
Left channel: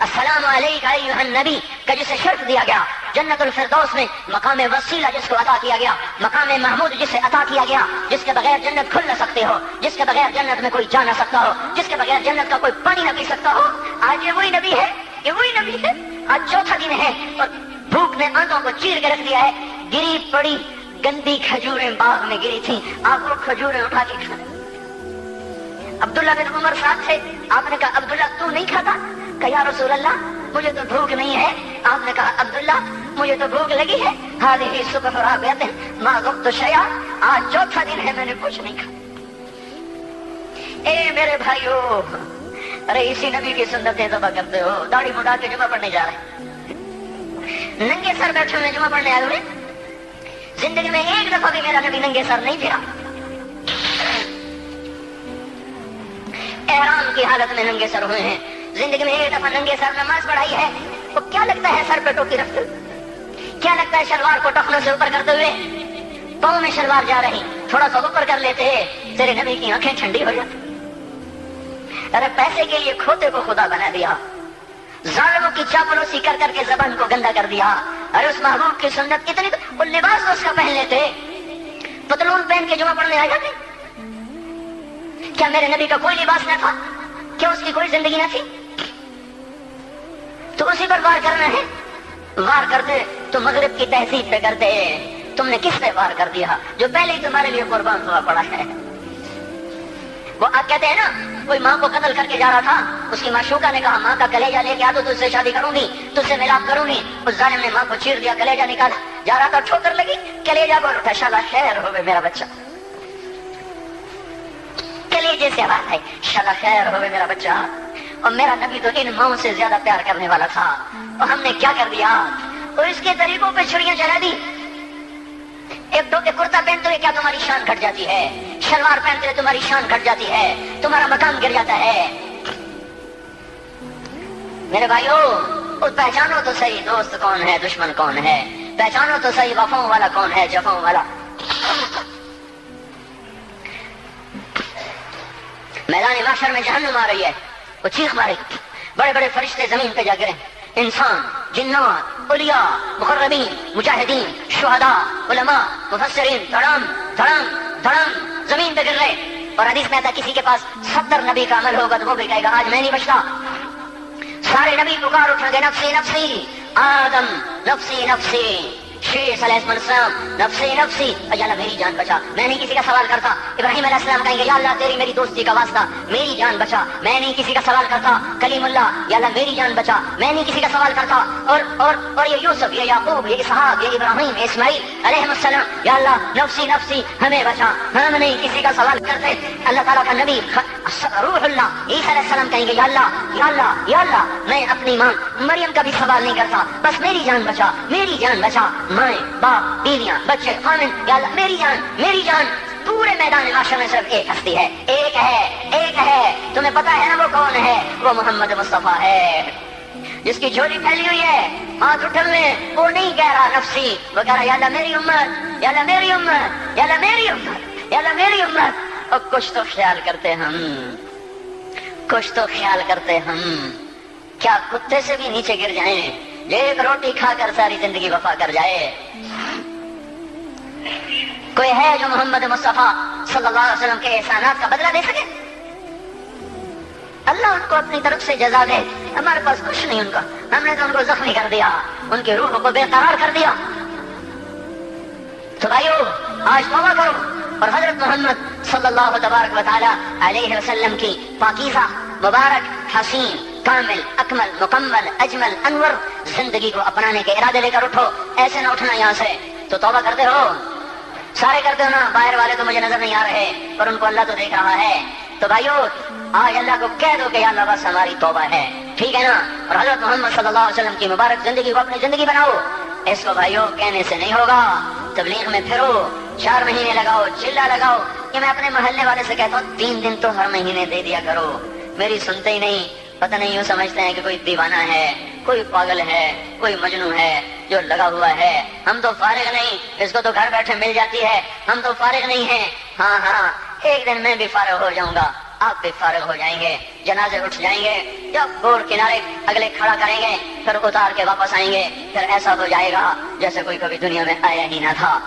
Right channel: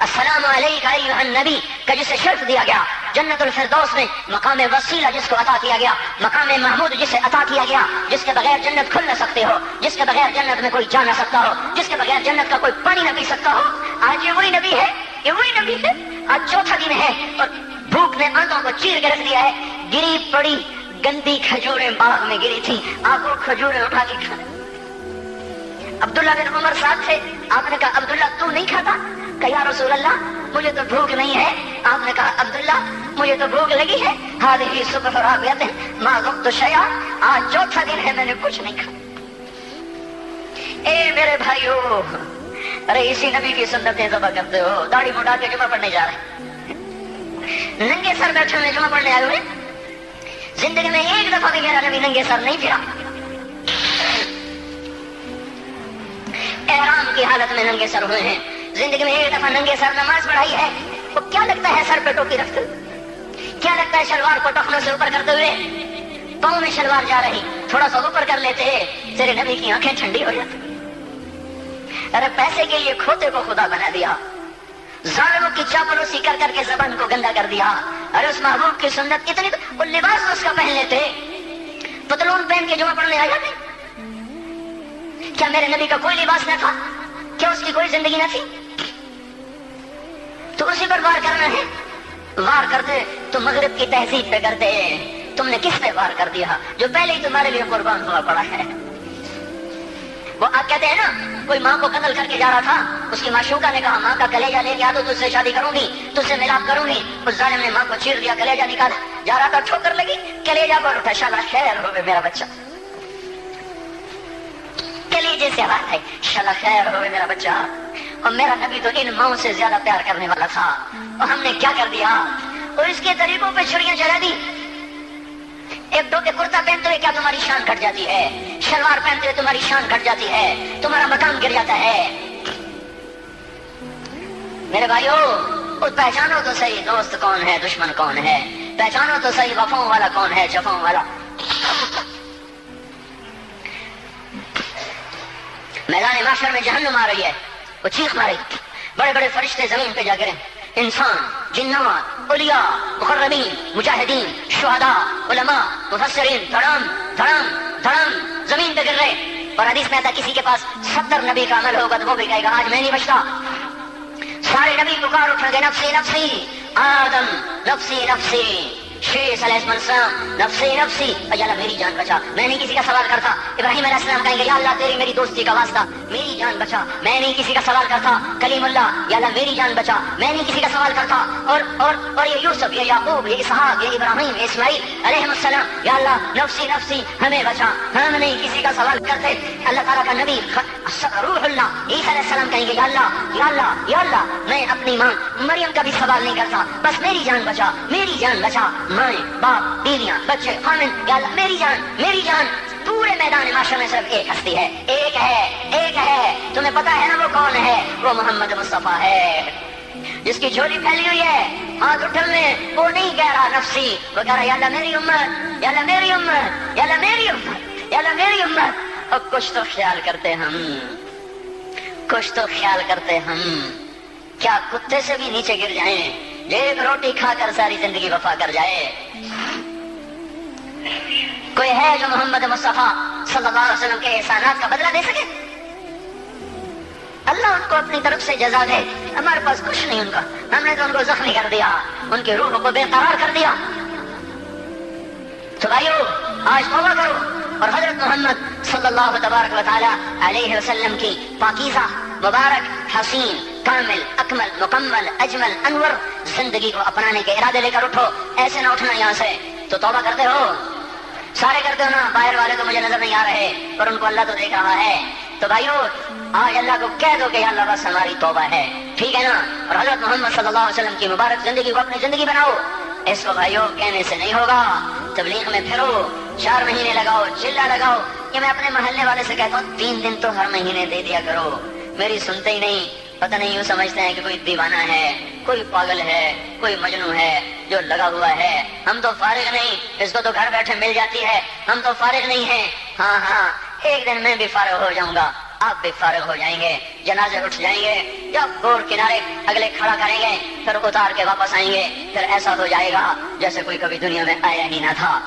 السلام علیکم ایھا النبی کا جسے شرف دیا گیا، جنت الفردوس میں مقام وسیلہ جس کو عطا کیا گیا، مقام محمود جسے عطا کیا گیا، جس کے بغیر جنت کھل نہ سکتے ہو، جس کے بغیر جنت میں کوئی جا نہ سکتا ہو، جس کے بغیر جنت کا کوئی پانی نہ پی سکتا ہو، آج یہ وہی نبی ہے، یہ وہی نبی ہے۔ آج چوتھا دن ہے اور بھوک نے آنکھوں کو چیر کے رکھ دیا ہے، گری پڑی گندی کھجوریں باغ میں گری تھی، آپ کو کھجوریں اٹھا کے کھا۔ عبداللہ بن عمر ساتھ تھے، آپ نے کہا عبداللہ تو نہیں کھاتا؟ کہ یا رسول اللہ مجھے تو بھوک نہیں ہے۔ آپ نے کہا عبداللہ مجھے تو بھوک لگی ہے، ہذہ صبح رابعۃ ما وقت شیء، آج چوتھا دن ہے میں نے کچھ نہیں کھایا۔ اے میرے بھائیو، ارے اسی نبی کی سنتیں ذبح کرتے ہو، داڑھی مڈا کے جمعہ پڑھنے جا رہے ہیں، ننگے سر بیٹھے ہوئے جمعہ پڑھنے آئے ہوئے، زندگی میں ایک دفعہ بھی میرا نبی ننگے سر نہیں پھرا، احرام کی حالت میں ننگے سر ہوئے ہیں، زندگی میں ایک دفعہ ننگے سر نماز پڑھائی ہے، تو کیا لگتا ہے سر پہ ٹوپی رکھتے ہوئے؟ کیا لگتا ہے شلوار کو ٹخنے سے اوپر کرتے ہوئے؟ پاؤں میں شلوار جا رہی، تھوڑا سا اوپر کر لیتے تیرے نبی کی آنکھیں ٹھنڈی ہو جاتی۔ ارے پیسے کے لیے کھوتے کو خدا بنا دیا، ظالموں کی چاپلوسی کر کر کے زبان کو گندا کر دیا۔ ارے اس محبوب کی سنت کتنی، وہ لباس اس کا پہن لیتے، پتلون پہن کے جمعہ پڑھنے آ جاتے۔ کیا میرے نبی کا کوئی لباس نہ تھا؟ کیا اس کی کوئی زندگی نہ تھی؟ تو اسی پر وار کرنا ہے۔ وار کرتے تو مغرب کی تہذیب پہ کرتے، تم نے کس پہ وار کر دیا جو پہلے تمہارے لیے قربان ہوا پڑا ہے؟ وہ آپ کہتے ہیں نا، کوئی ماں کو قتل کر کے جا رہا تھا، اس کی معشوقہ نے کہا ماں کا کلیجہ لے کے آ تو تجھ سے شادی کروں گی، تجھ سے ملاپ کروں گی۔ اس ظالم نے ماں کو چیر دیا، کلیجہ نکال جا رہا تھا، ٹھوکر لگی، کلیجہ بول اٹھا، شالا خیر ہو میرا بچہ، کلیجے سے آواز آئی، شالا خیر ہو میرا بچہ۔ اور میرا نبی تو ان ماؤں سے زیادہ پیار کرنے والا تھا، اور ہم نے کیا کر دیا؟ اور اس کے طریقوں پہ چھڑیاں چلا دی۔ ایک دو کرتا پہنتے ہوئے کیا تمہاری شان گھٹ جاتی ہے؟ شلوار پہنتے ہوئے تمہاری شان گھٹ جاتی ہے، تمہارا مقام گر جاتا ہے۔ میرے بھائیو، پہچانو تو صحیح دوست کون ہے، دشمن کون ہے، پہچانو تو صحیح وفاؤں والا کون ہے، جفاؤں والا۔ میدان محشر میں جہنم آ رہی ہے، وہ چیخ مارے، بڑے بڑے فرشتے زمین پہ جا گرے، انسان، جنات، اولیاء، مقربین، مجاہدین، شہداء، علماء، مفسرین، دھڑام دھڑام دھڑام زمین پہ گر رہے۔ اور حدیث میں آتا کسی کے پاس 70 نبی کا عمل ہوگا تو وہ بھی کہے گا آج میں نہیں بچتا۔ سارے نبی پکار اٹھا گے، نفسی نفسی، آدم نفسی نفسی، شیش علیہ السلام نفسی نفسی، یا اللہ میری جان بچا، میں نہیں کسی کا سوال کرتا۔ ابراہیم علیہ السلام کہیں گے یا اللہ تیری میری دوستی کا واسطہ، میری جان بچا، میں نہیں کسی کا سوال کرتا۔ کلیم اللہ، یا اللہ میری جان بچا، میں نہیں کسی کا سوال کرتا۔ اور یہ یوسف، یہ یعقوب، یہ اسحاق، یہ ابراہیم، یہ اسماعیل علیہ السلام، یا اللہ نفسی نفسی ہمیں بچا، ہم نہیں کسی کا سوال کرتے۔ اللہ تعالیٰ کا نبی روح اللہ عیسیٰ علیہ السلام کہیں گے یا اللہ یا اللہ یا اللہ میں اپنی ماں مریم کا بھی سوال نہیں کرتا، بس میری جان بچا، میری جان بچا، مائیں باپ بیویاں بچے خامن، یا اللہ میری جان میری جان۔ پورے میدان محشر میں صرف ایک ہستی ہے، ایک ہے، تمہیں پتا ہے نا وہ کون ہے؟ وہ محمد مصطفیٰ ہے، جس کی جھولی پھیلی ہوئی ہے، ہاتھ اٹھے ہوئے، وہ نہیں کہہ رہا نفسی، وہ کہہ رہا یا اللہ میری امت، یا اللہ میری امت، یا اللہ میری امت، یا اللہ میری امت۔ اور کچھ تو خیال کرتے ہم، کچھ تو خیال کرتے ہم، کیا کتے سے بھی نیچے گر جائیں، ایک روٹی کھا کر ساری زندگی وفا کر جائے؟ کوئی ہے جو محمد مصطفیٰ صلی اللہ علیہ وسلم کے احسانات کا بدلہ دے سکے؟ اللہ ان کو اپنی طرف سے جزا دے، ہمارے پاس کچھ نہیں ان کا، ہم نے تو ان کو زخمی کر دیا، ان کی روح کو بے قرار کر دیا۔ تو بھائیو آج توبہ کرو اور حضرت محمد صلی اللہ تبارک و تعالی علیہ وسلم کی پاکیزہ، مبارک، حسین، کامل، اکمل، مکمل، اجمل، انور زندگی کو اپنانے کے ارادے لے کر اٹھو۔ ایسے نہ اٹھنا یہاں سے، تو توبہ کرتے رہو، سارے کرتے ہو نا، باہر والے تو مجھے نظر نہیں آ رہے پر ان کو اللہ تو دیکھ رہا ہے۔ تو بھائیو آج اللہ کو کہہ دو کہ یا اللہ بس ہماری توبہ ہے، ٹھیک ہے نا؟ اور حضرت محمد صلی اللہ علیہ وسلم کی مبارک زندگی کو اپنی زندگی بناؤ۔ اس کو بھائیو کہنے سے نہیں ہوگا، تبلیغ میں پھرو، 4 مہینے لگاؤ، چلا لگاؤ کہ میں اپنے محلے والے سے کہتا ہوں 3 دن تو ہر مہینے دے دیا کرو، میری سنتے ہی نہیں، پتہ نہیں یوں سمجھتے ہیں کہ کوئی دیوانہ ہے، کوئی پاگل ہے، کوئی مجنون ہے جو لگا ہوا ہے۔ ہم تو فارغ نہیں، اس کو تو گھر بیٹھے مل جاتی ہے، ہم تو فارغ نہیں ہیں۔ ہاں ایک دن میں بھی فارغ ہو جاؤں گا، آپ بھی فارغ ہو جائیں گے، جنازے اٹھ جائیں گے، جب گور کنارے اگلے کھڑا کریں گے پھر اتار کے واپس آئیں گے، پھر ایسا ہو جائے گا جیسے کوئی کبھی دنیا میں آیا ہی نہ تھا۔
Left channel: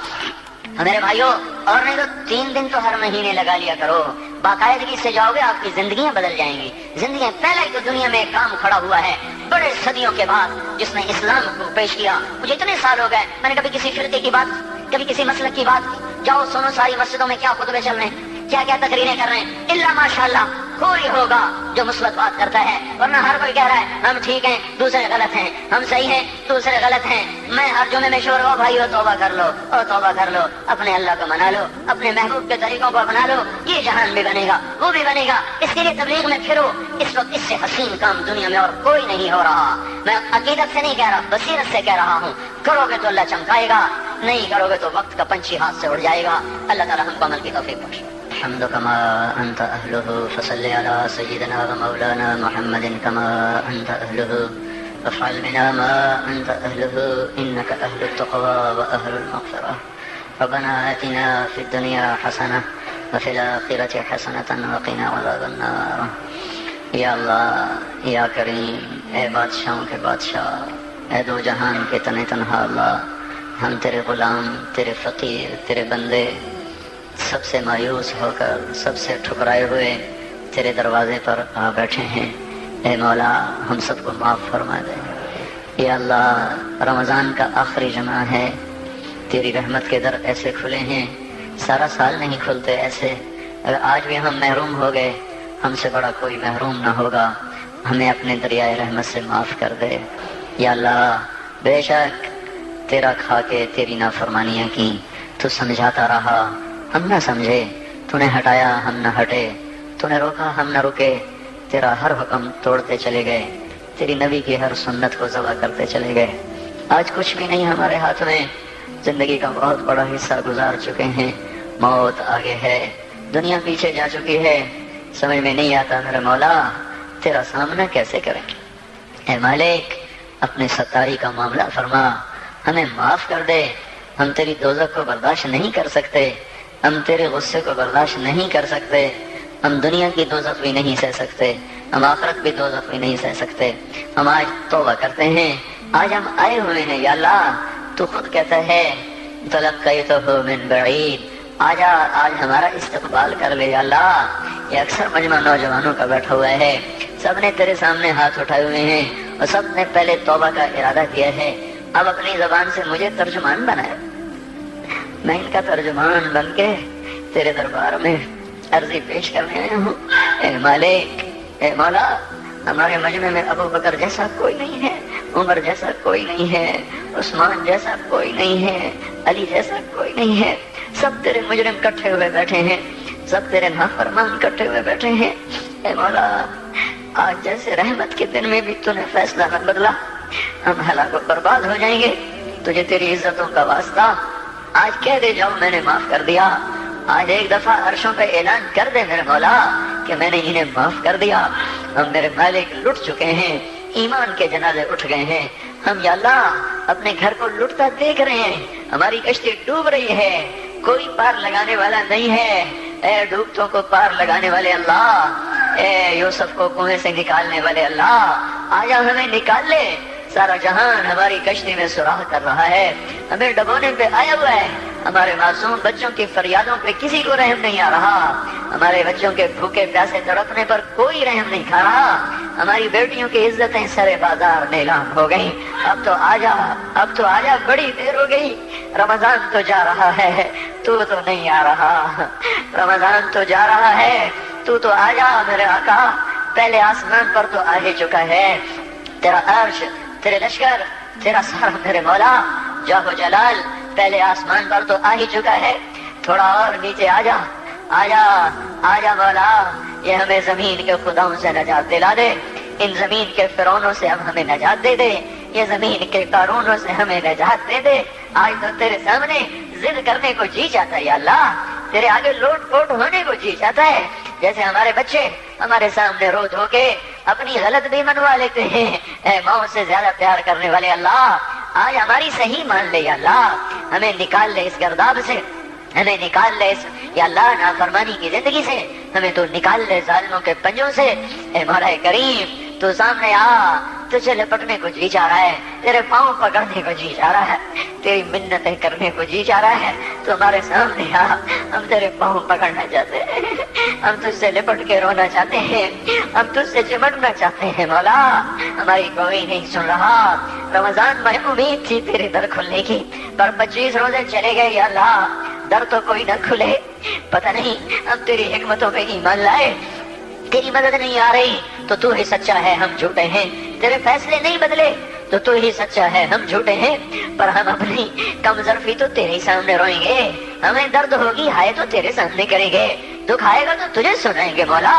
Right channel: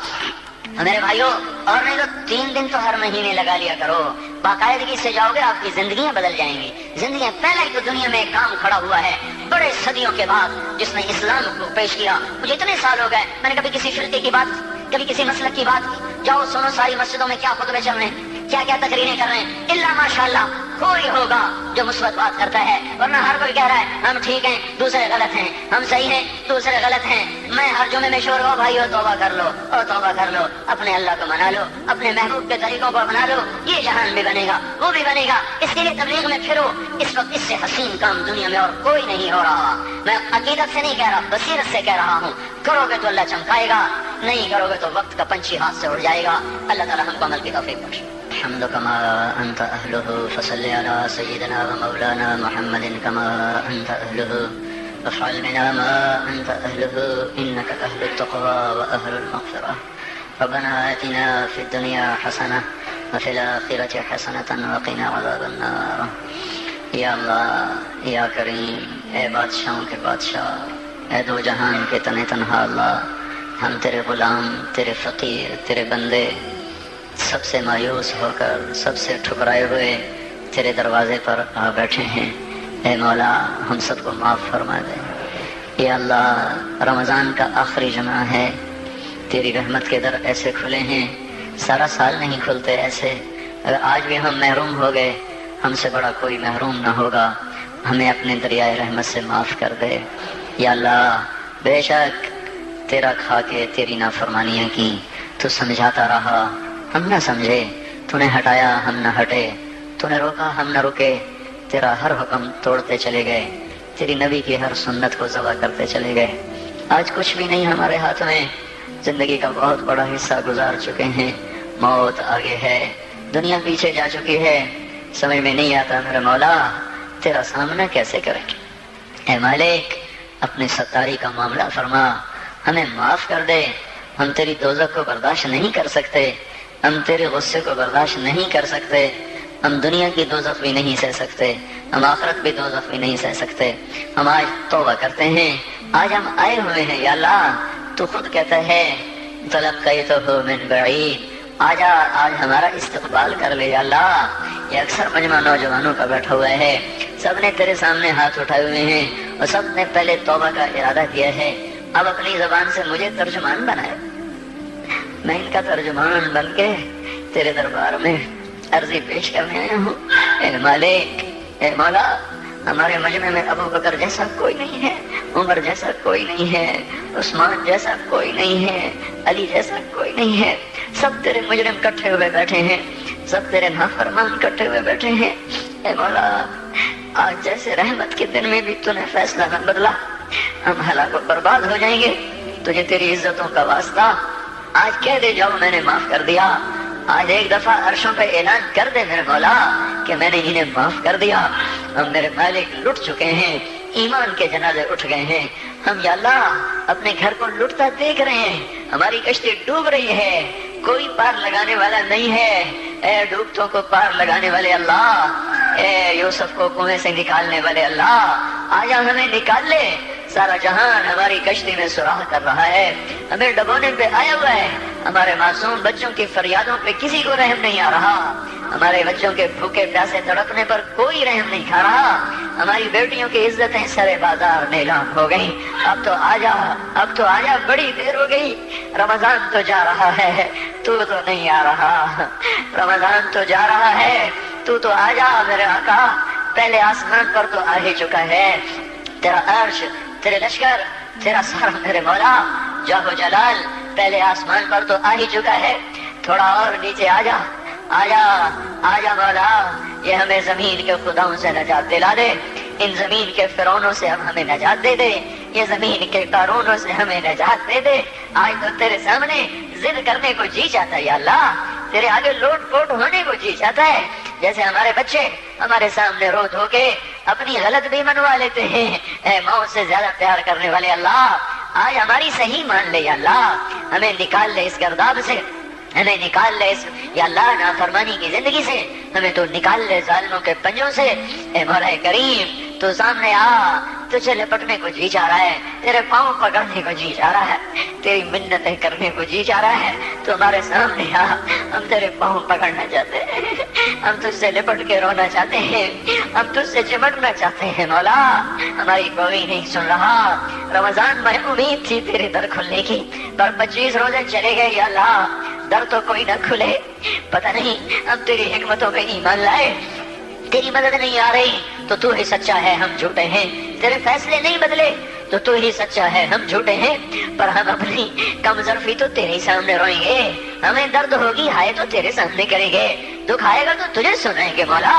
میرے بھائیوں، اور نہیں تو 3 دن تو ہر مہینے لگا لیا کرو، باقاعدگی سے جاؤ گے آپ کی زندگیاں بدل جائیں گی۔ زندگی پہلے تو دنیا میں ایک کام کھڑا ہوا ہے بڑے صدیوں کے بعد جس نے اسلام کو پیش کیا۔ مجھے اتنے سال ہو گئے میں نے کبھی کسی فرقے کی بات، کبھی کسی مسلک کی بات، جاؤ سنو ساری مسجدوں میں کیا خطبے چل رہے ہیں، کیا کیا تقریریں کر رہے ہیں، الا ماشاءاللہ کوئی ہوگا جو مثبت بات کرتا ہے، ورنہ ہر کوئی کہہ رہا ہے ہم ٹھیک ہیں دوسرے غلط ہیں، ہم صحیح ہیں دوسرے غلط ہیں۔ میں ہر جمعے میں شور ہو بھائی توبہ کر لو، توبہ کر لو، اپنے اللہ کو منا لو، اپنے محبوب کے طریقوں کو اپنا لو، یہ جہان بھی بنے گا وہ بھی بنے گا۔ اس کے لیے تبلیغ میں پھرو، اس وقت اس سے حسین کام دنیا میں اور کوئی نہیں ہو رہا۔ میں عقیدت سے نہیں کہہ رہا، بصیرت سے کہہ رہا ہوں، کرو گے تو اللہ چمکائے گا، نہیں کرو گے تو وقت کا پنچھی ہاتھ سے اڑ جائے گا۔ اللہ تعالیٰ ہم کو عمل کی توفیق بخشے۔ الحمد كما أنت أهله فصل على سيدنا ومولانا محمد كما أنت أهله وافعل بنا ما أنت أهله إنك أهل التقوى وأهل المغفرة ربنا آتنا في الدنيا حسنة وفي الآخرة حسنة وقنا عذاب النار۔ یا اللہ، یا کریم، اے بادشاہوں کے بادشاہ، اے دو جہان کے تن تنہا اللہ، ہم تیرے غلام، تیرے فقیر، تیرے بندے سب سے مایوس ہو کر، سب سے ٹھکرائے ہوئے تیرے دروازے پر آ بیٹھے ہیں۔ اے مولا، ہم سب کو معاف فرما دے۔ یا اللہ، رمضان کا آخری جمعہ ہے، تیری رحمت کے در ایسے کھلے ہیں، سارا سال نہیں کھلتے ایسے۔ اگر آج بھی ہم محروم ہو گئے، ہم سے بڑا کوئی محروم نہ ہوگا، ہمیں اپنے دریائے رحمت سے معاف کر دے۔ یا اللہ، بے شک تیرا کھا کے تیری نافرمانیاں کی، تو سمجھاتا رہا ہم نہ سمجھے، تو نے ہٹایا ہم نہ ہٹے، تو نے روکا ہم نہ رکے، تیرا ہر حکم توڑتے چلے گئے، تیری نبی کی ہر سنت کو ذبح کرتے چلے گئے۔ آج کچھ بھی نہیں ہمارے ہاتھ میں، زندگی کا بہت بڑا حصہ گزار چکے ہیں، موت آگے ہے، دنیا پیچھے جا چکی ہے، سمجھ میں نہیں آتا میرے مولا تیرا سامنا کیسے کریں۔ اے مالک، اپنے ستاری کا معاملہ فرما، ہمیں معاف کر دے، ہم تیری دوزخ کو برداشت نہیں کر سکتے، ہم تیرے غصے کو برداشت نہیں کر سکتے، ہم دنیا کی دوزخ بھی نہیں سہ سکتے، ہم آخرت بھی دوزخ بھی نہیں سہ سکتے۔ ہم آج توبہ کرتے ہیں، آج ہم آئے ہوئے ہیں یا اللہ، تو خود کہتا ہے تلقیتہ من بعید، آجا آج ہمارا استقبال کر لے یا اللہ۔ یہ اکثر مجمع نوجوانوں کا بیٹھا ہوا ہے، سب نے تیرے سامنے ہاتھ اٹھائے ہوئے ہیں اور سب نے پہلے توبہ کا ارادہ کیا ہے، اب اپنی زبان سے مجھے ترجمان بنائے، میں ان کا ترجمان بن کے تیرے دربار میں عرضی پیش کرنے آیا ہوں۔ اے مالک، اے مولا، ہمارے مجمع میں ابو بکر جیسا کوئی نہیں ہے، عمر جیسا کوئی نہیں ہے، عثمان جیسا کوئی نہیں ہے، علی جیسا کوئی نہیں ہے، سب تیرے مجرم کٹھے ہوئے بیٹھے ہیں، سب تیرے نافرمان کٹھے ہوئے بیٹھے ہیں۔ اے مولا، آج جیسے رحمت کے دن میں بھی تو نے فیصلہ نہ بدلا، ہم ہلاک و برباد ہو جائیں گے، تجھے تیری عزتوں کا واسطہ آج کہہ دے جاؤ میں نے معاف کر دیا۔ آج ایک دفعہ عرشوں پہ اعلان کر دے میرے مولا کہ میں نے انہیں معاف کر دیا۔ ہم میرے مالک لٹ چکے ہیں، ایمان کے جنازے اٹھ گئے ہیں، ہم یا اللہ اپنے گھر کو لٹتا دیکھ رہے ہیں، ہماری کشتی ڈوب رہی ہے، کوئی پار لگانے والا نہیں ہے۔ اے ڈوبتوں کو پار لگانے والے اللہ، اے یوسف کو کنویں سے نکالنے والے اللہ، آجا ہمیں نکال لے۔ سارا جہان ہماری کشتی میں سراغ کر رہا ہے، ہمیں ڈبونے پہ آیا ہوا ہے، ہمارے معصوم بچوں کی فریادوں پہ کسی کو رحم نہیں آ رہا، ہمارے بچوں کے بھوکے پیاسے تڑپنے پر کوئی رحم نہیں کھا رہا، ہماری بیٹیوں کی عزتیں سرے بازار نیلام ہو گئی۔ اب تو آجا، اب تو آجا، بڑی دیر ہو گئی، رمضان تو جا رہا ہے، تو نہیں آ رہا، رمضان تو جا رہا ہے، تو آجا میرے آقا۔ پہلے آسمان پر تو آ ہی چکا ہے، تیرا عرش، تیرے لشکر، تیرا سر میرے مولا جاہ و جلال پہلے آسمان پر تو آ ہی چکا ہے، تھوڑا اور نیچے آجا، آجا آجا مولا، یہ ہمیں زمین کے خداؤں سے نجات دلا دے، ان زمین کے فرعونوں سے اب ہمیں نجات دے دے، یہ زمین کے قارونوں سے ہمیں نجات دے دے۔ آج تو تیرے سامنے ضد کرنے کو جی چاہتا ہے یا اللہ، تیرے آگے لوٹ پوٹ ہونے کو جی چاہتا ہے، جیسے ہمارے بچے ہمارے سامنے رو دھو کے اپنی غلط بھی منوا لیتے ہیں۔ اے موت سے زیادہ پیار کرنے والے اللہ، آج ہماری صحیح مان لے یا اللہ، ہمیں نکال لے اس گرداب سے، ہمیں نکال لے یا اللہ نافرمانی کی زندگی سے، ہمیں تو نکال لے ظالموں کے پنجوں سے۔ اے مولا کریم تو سامنے آ، تجھے لپٹنے کو جی چاہ رہا ہے، تیرے پاؤں پکڑنے کو جی چاہ رہا ہے، تیری منتیں کرنے کو جی چاہ رہا ہے، تو ہمارے سامنے آ، ہم تیرے پاؤں پکڑنا چاہتے ہیں، ہم تجھ سے لپٹ کے رونا چاہتے ہیں، ہم تجھ سے چمٹنا چاہتے ہیں مولا، ہماری کوئی نہیں سن رہا۔ رمضان میں امید تھی تیرے در کھلنے کی، پر 25 روزے چلے گئے یا اللہ، در تو کوئی نہ کھلے، پتہ نہیں اب تیری حکمتوں میں ایمان لائے، تیری مدد نہیں آ رہی تو تو ہی سچا ہے ہم جھوٹے ہیں، تیرے فیصلے نہیں بدلے تو تو ہی سچا ہے ہم جھوٹے ہیں، پر ہم اپنی کم ظرفی تو تیرے سامنے روئیں گے، ہمیں درد ہوگی ہائے تو تیرے سامنے کریں گے، دکھ آئے گا تو تجھے سنائیں گے مولا،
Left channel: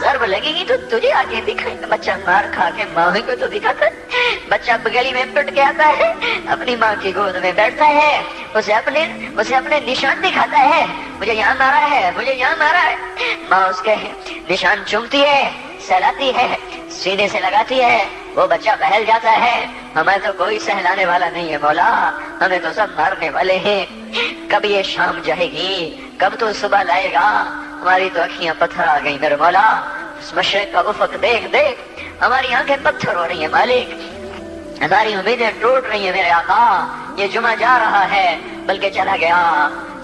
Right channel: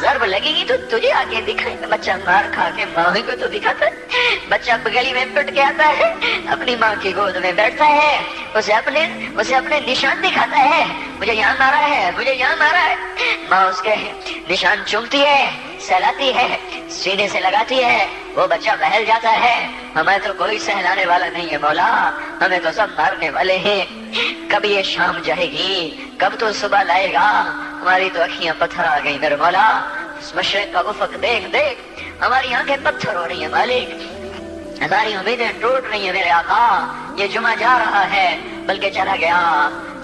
ضرب لگے گی تو تجھے آگے دکھائیں گے۔ بچہ مار کھا کے ماں کو تو دکھاتا ہے، بچہ گلی میں پٹ کے آتا ہے، اپنی ماں کی گود میں بیٹھتا ہے، اسے اپنے نشان دکھاتا ہے، مجھے یاد آ رہا ہے، مجھے یاد آ رہا ہے، ماں اس کے نشان چومتی ہے، سہلاتی ہے، سینے سے لگاتی ہے، وہ بچہ بہل جاتا ہے، ہمیں تو کوئی سہلانے والا نہیں ہے مولا، ہمیں تو سب مارنے والے ہیں، کب یہ شام جائے گی، کب تو صبح لائے گا، ہماری تو اکھیاں پتھر آ گئی میرے مولا، اس مشرق کا افق دیکھ دیکھ ہماری آنکھیں پتھر ہو رہی ہیں مالک، ہماری امیدیں ٹوٹ رہی ہیں میرے آقا، یہ جمعہ جا رہا ہے بلکہ چلا گیا،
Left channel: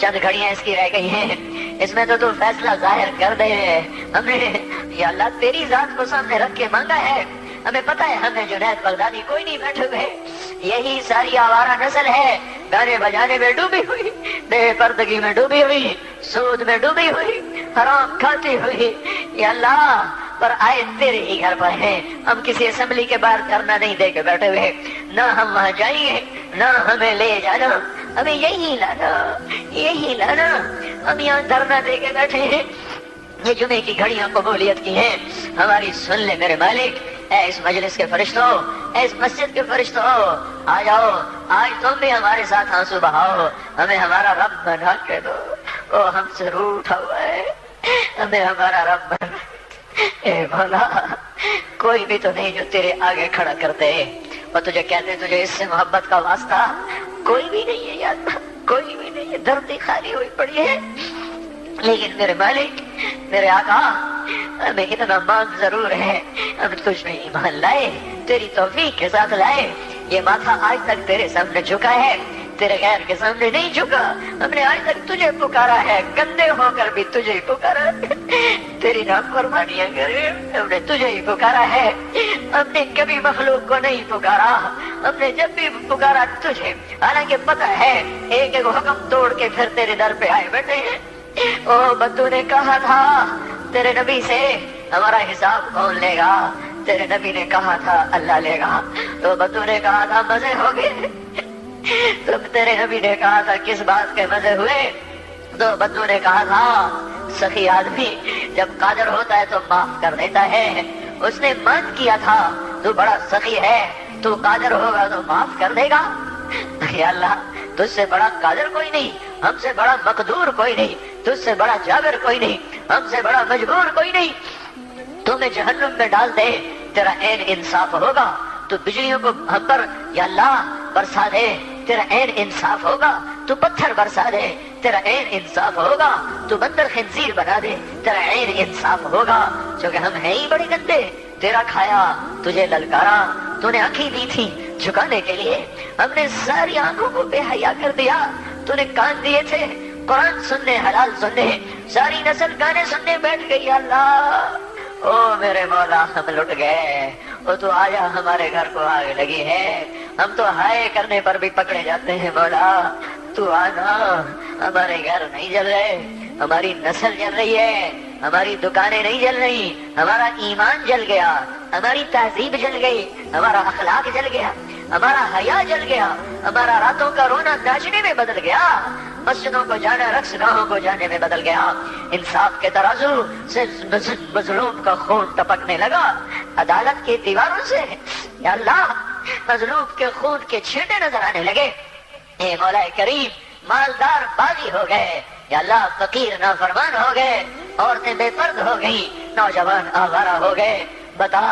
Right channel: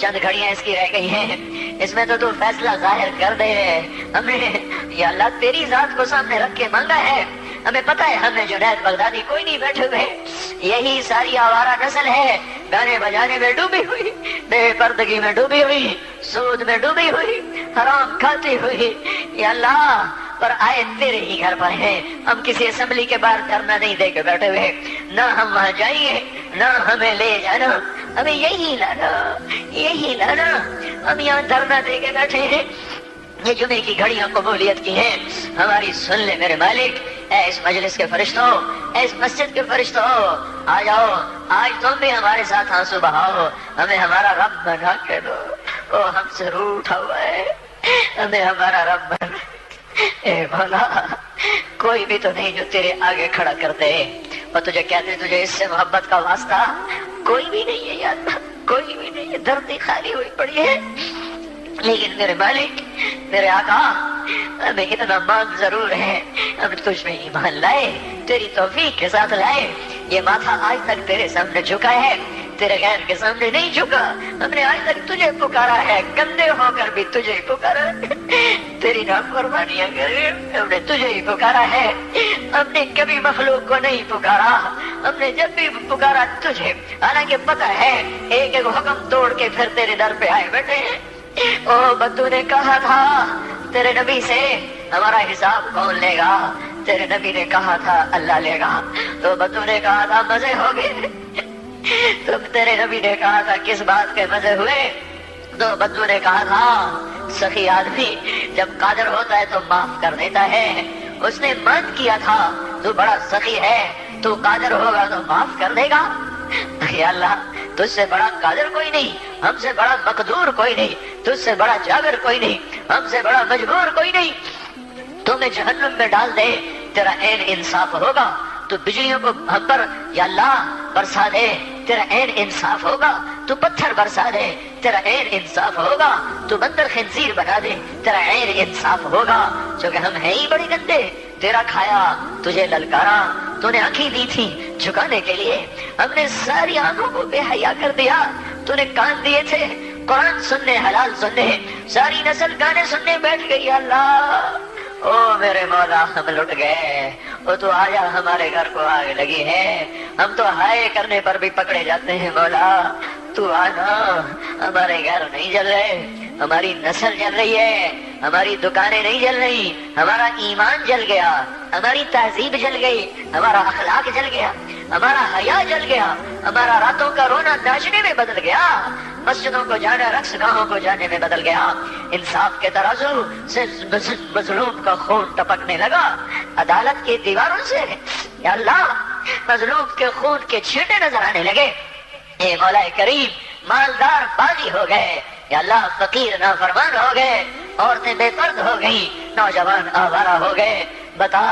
چند گھڑیاں اس کی رہ گئی ہیں، اس میں تو فیصلہ ظاہر کر دے، ہمیں یا اللہ تیری ذات کو سامنے رکھ کے مانگا ہے، ہمیں پتہ ہے ہمیں جنید بغدادی کوئی نہیں بیٹھے ہوئے، یہی ساری آوارہ نسل ہے، گانے بجانے میں ڈوبی ہوئی، بے پردگی میں ڈوبی ہوئی، سود میں ڈوبی ہوئی، حرام کھاتی ہوئی، یا اللہ پر آئے تیرے ہی گھر پر ہیں، ہم کسی اسمبلی کے باہر دھرنا نہیں دے کے بیٹھے ہوئے، نہ ہم وہاں جائیں نہ ہمیں لے جانا، ہمیں یہی لانا، ہم یہاں دھرنا دے کے بیٹھے ہیں، یہ جمعے کی گھڑیاں قبولیت کی ہیں، ہماری سن لے میرے مالک، اے اس مجلس کے فرشتوں، اے اس مسجد کے فرشتوں، آ جاؤ، آج تم بھی ہمارے ساتھ آنسو بہاؤ، ہمیں ہمارا رب بنا کے دو، وہ ہم سے روٹھا ہوا ہے، ہمیں ہمارا رب بنا، اے بھلا کوئی بھی تو نہیں جو تیرے آگے کھڑا کرتے اور تجھے کہتے ہیں تجھے اس سے محبت کا واسطہ، کوئی بھی نہیں ہے یاد، کوئی بھی نہیں ہے، دھرتی خالی ہوئی پڑی ہے، لیکن میرے مالک میرے آقا ہمیں اتنا نام ضرور ہے، ہم تجھ میں ایمان لائے، تیری توفیق کے ساتھ لائے، یہ ماتھا آج تک تیرے سامنے جھکا ہے، تیرے غیر کے سامنے نہیں جھکا، ہم نے آج تک تجھے پکارا ہے، گندے ہو کر بھی تجھے پکارا ہے، تیری نافرمانیاں کرے ہم نے تجھے ہی پکارا ہے، ہم نے کبھی مخلوق کو نہیں پکارا، ہم نے جب بھی پکارا تجھے، حالانکہ پتا ہے ایک ایک حکم توڑ کے پھر تیرے در پہ آئے بیٹھے ہیں۔ او بدو نے کہا تھا تیرے نبی سے ہمارا حساب کون لے گا، تیرے نبی نے کہا تھا اللہ لے گا، تو بدو نے کہا تھا مزے ہو گئے، تم تیرے نبی نے کہا تھا کس بات کے مزے ہوئے، تو بدو نے کہا تھا سخی آدمی جب قادر ہوتا ہے تو معاف کر دیتا ہے، اس نے مان کیا تھا تو بڑا سخی ہے، تو قادر ہوگا تو معاف کر دے گا، یا اللہ تجھ سے بڑا قادر کوئی نہیں، ہم سے بڑا مقدور کوئی نہیں، تجھ سے بڑا جابر کوئی نہیں، ہم سے بڑا مجبور کوئی نہیں، تمہیں جہنم میں ڈال دے تیرا عین انصاف ہوگا، تو بجلیوں کو ہم پر یا اللہ برسا دے تیرا عین انصاف ہوگا، تو پتھر برسا دے تیرا عین انصاف ہوگا، تو بندر خنزیر بنا دے تیرا عین انصاف ہوگا، چونکہ ہم ہیں ہی بڑے گندے، تیرا کھایا تجھے للکارا، تو نے آنکھیں دی تھی جھکانے کے لیے، ہم نے ساری آنکھوں کو بے حیا کر دیا، تو نے کان دیے تھے قرآن سننے حلال سننے، ساری نسل گانے سننے بیٹھ گئی، اللہ او میرے مولا ہم لٹ گئے، وہ تو آیا ہمارے گھر کو آگ لگی ہے، ہم تو ہائے کرنے پر بھی پکڑے جاتے ہیں، مولا تو آنا، ہمارے گھر نہیں جل رہے، ہماری نسل جل رہی ہے، ہماری دکانیں نہیں جل رہی، ہمارا ایمان جل گیا، ہماری تہذیب جل گئی، ہمارا اخلاق جل گیا، ہمارا حیا جل گیا، ہمارا راتوں کا رونا ناچنے میں بدل گیا، مسجدوں کو جانا رقص گاہوں کو جانے میں بدل گیا، انصاف کے ترازو سے مظلوم کا خون ٹپکنے لگا، عدالت کی دیواروں سے یا اللہ مظلوم کے خون کے چھینٹے نظر آنے لگے، اے مولا کریم مالدار باغی ہو گئے، یا اللہ فقیر نافرمان ہو گئے، عورتیں بے پرد ہو گئی، نوجوان آوارہ ہو گئے، بتا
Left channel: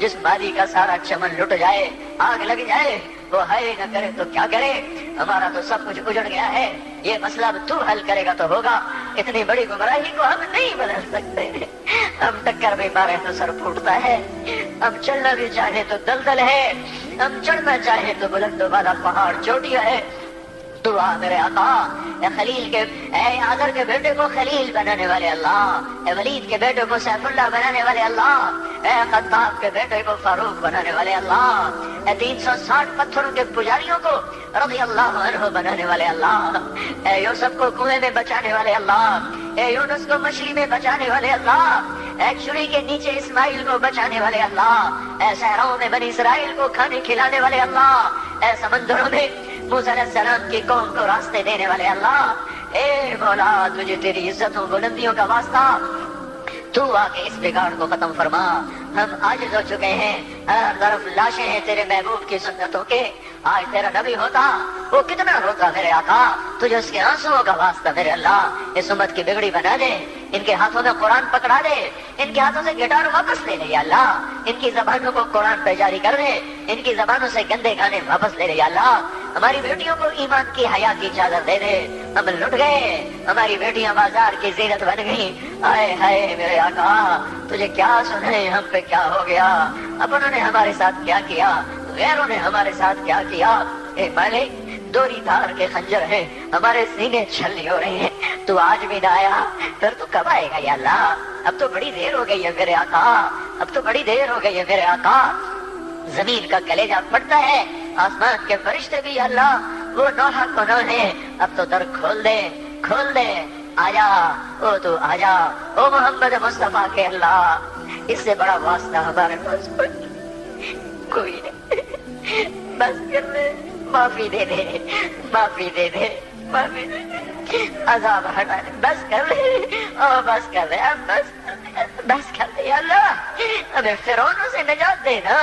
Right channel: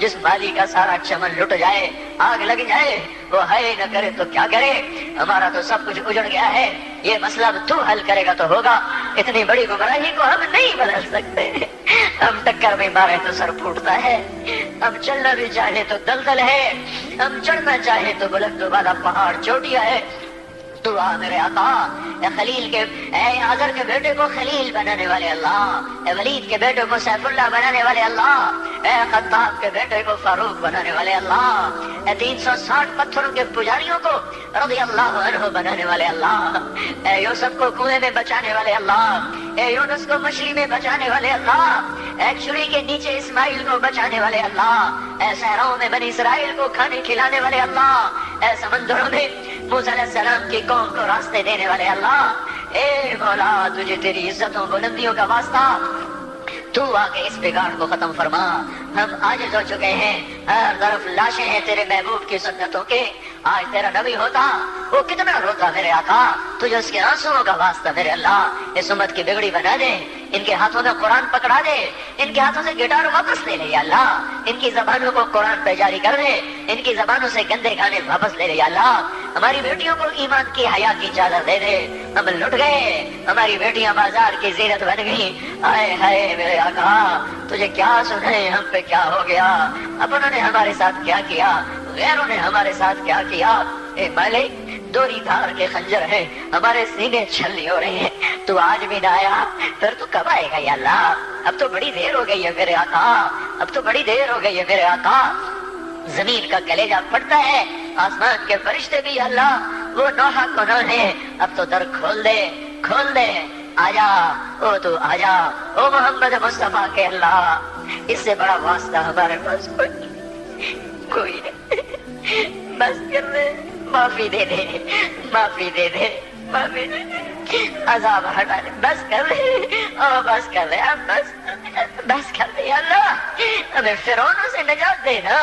جس بالی کا سارا چمن لٹ جائے، آگ لگ جائے، وہ ہے نہ کرے تو کیا کرے، ہمارا تو سب کچھ اجڑ گیا ہے، یہ مسئلہ اب تو حل کرے گا تو ہوگا، اتنی بڑی گمراہی کو ہم نہیں بدل سکتے، ہم ٹکر میں مارے تو سر پھوٹتا ہے، ہم چلنا بھی چاہے تو دلدل ہے، ہم چڑھنا چاہے تو بلند والا پہاڑ چوٹیاں ہے۔ تو میرے آقا، اے خلیل کے، اے آذر کے بیٹے کو خلیل بنانے والے اللہ، اے ولید کے بیٹے کو سیف اللہ بنانے والے اللہ، اے خطاب کے بیٹے کو فاروق بنانے والے اللہ، اے 360 پتھروں کے پجاریوں کو رضی اللہ عنہ بنانے والے اللہ، اے یوسف کو کنویں میں بچانے والے اللہ، اے یونس کو مچھلی میں بچانے والے اللہ، اے چھری کے نیچے اسماعیل کو بچانے والے اللہ، اے صحراؤں میں بنی اسرائیل کو کھانے کھلانے والے اللہ، اے سمندروں میں موسیٰ علیہ السلام کی قوم کو راستے دینے والے اللہ، اے مولا تجھے تیری عزتوں بلندیوں کا واسطہ، تو آ کے اس بگاڑ کو ختم فرما۔ ہم عاجز ہو چکے ہیں، ہر طرف لاشیں ہیں تیرے محبوب کی سنتوں کے، آج تیرا نبی ہوتا وہ کتنا روتا میرے آقا، تجھے اس کے آنسوؤں کا واسطہ میرے اللہ اس امت کی بگڑی بنا دے، ان کے ہاتھوں میں قرآن پکڑا دے، ان کے ہاتھوں سے گٹار واپس لے لے یا اللہ، ان کی زبانوں کو قرآن پہ جاری کر دے، ان کی زبانوں سے گندے گانے واپس لے لے یا اللہ، ہماری بیٹیوں کو ایمان کی حیا کی چادر دے دے، ہم لٹ گئے، ہماری بیٹیاں بازار کی زینت بن گئی، ہائے ہائے میرے آقا تجھے کیا سنے، ہم پہ کیا ہو گیا، اپنوں نے ہمارے ساتھ کیا کیا، غیروں نے ہمارے ساتھ کیا کیا، اے مالک دوری دار کے خنجر ہے، ہمارے سینے چھلنی ہو رہی ہیں، تو آج بھی نہ آیا، پھر تو کب آئے گا یا اللہ، اب تو بڑی دیر ہو گئی ہے میرے آقا، اب تو بڑی دیر ہو گئی ہے میرے آقا، زمین کا کلیجہ پھٹتا ہے، آسمان کے فرشتے بھی اللہ وہ نوحہ کو نہ لے، اب تو در کھول دے، کھول دے، آجا او تو آجا او محمد مصطفیٰ کے اللہ، اس سے بڑا واسطہ ہمارے پاس کوئی نہیں، بس کر دے، معافی دے دے، معافی دے دے، معافی دے دے، عذاب ہٹا دے، بس کر دے، او بس کر دے، بس کر دے یا اللہ، ہمیں فرعونوں سے نجات دے نا،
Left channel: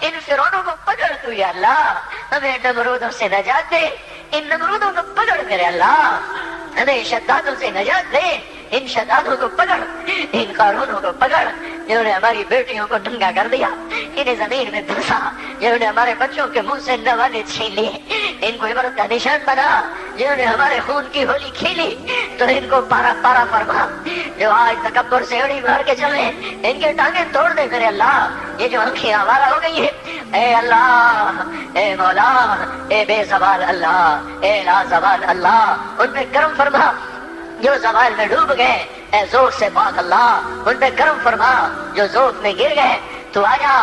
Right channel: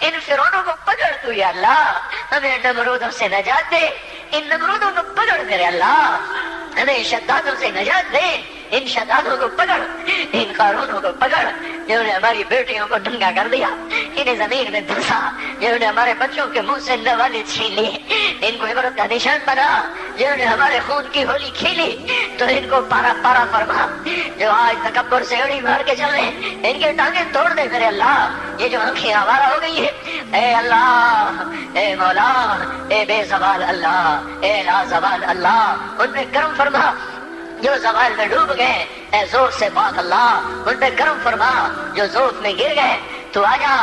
ان فرعونوں کو پکڑ تو یا اللہ، ہمیں نمرودوں سے نجات دے، ان نمرودوں کو پکڑ میرے اللہ، ہمیں شدادوں سے نجات دے، ان شدادوں کو پکڑ، ان قارونوں کو پکڑ جنہوں نے ہماری بیٹیوں کو ننگا کر دیا، انہیں زمین میں دھنسا، جنہوں نے ہمارے بچوں کے منہ سے نوالے چھین لیے، ان کو عبرت کا نشان بنا، جنہوں نے ہمارے خون کی ہولی کھیلی، تو ان کو پارا پارا فرما، جو آج تکبر سے اڑی مار کے چلے ان کے ٹانگیں توڑ دے میرے اللہ، یہ جو آنکھیں آوارہ ہو گئی ہے، اے اللہ، اے مولا، اے بے زبان اللہ، اے لا زبان اللہ، ان پہ کرم فرما، جو زوال میں ڈوب گئے، اے زور سے پاک اللہ ان پہ کرم فرما، جو زور میں گر گئے، تو آجا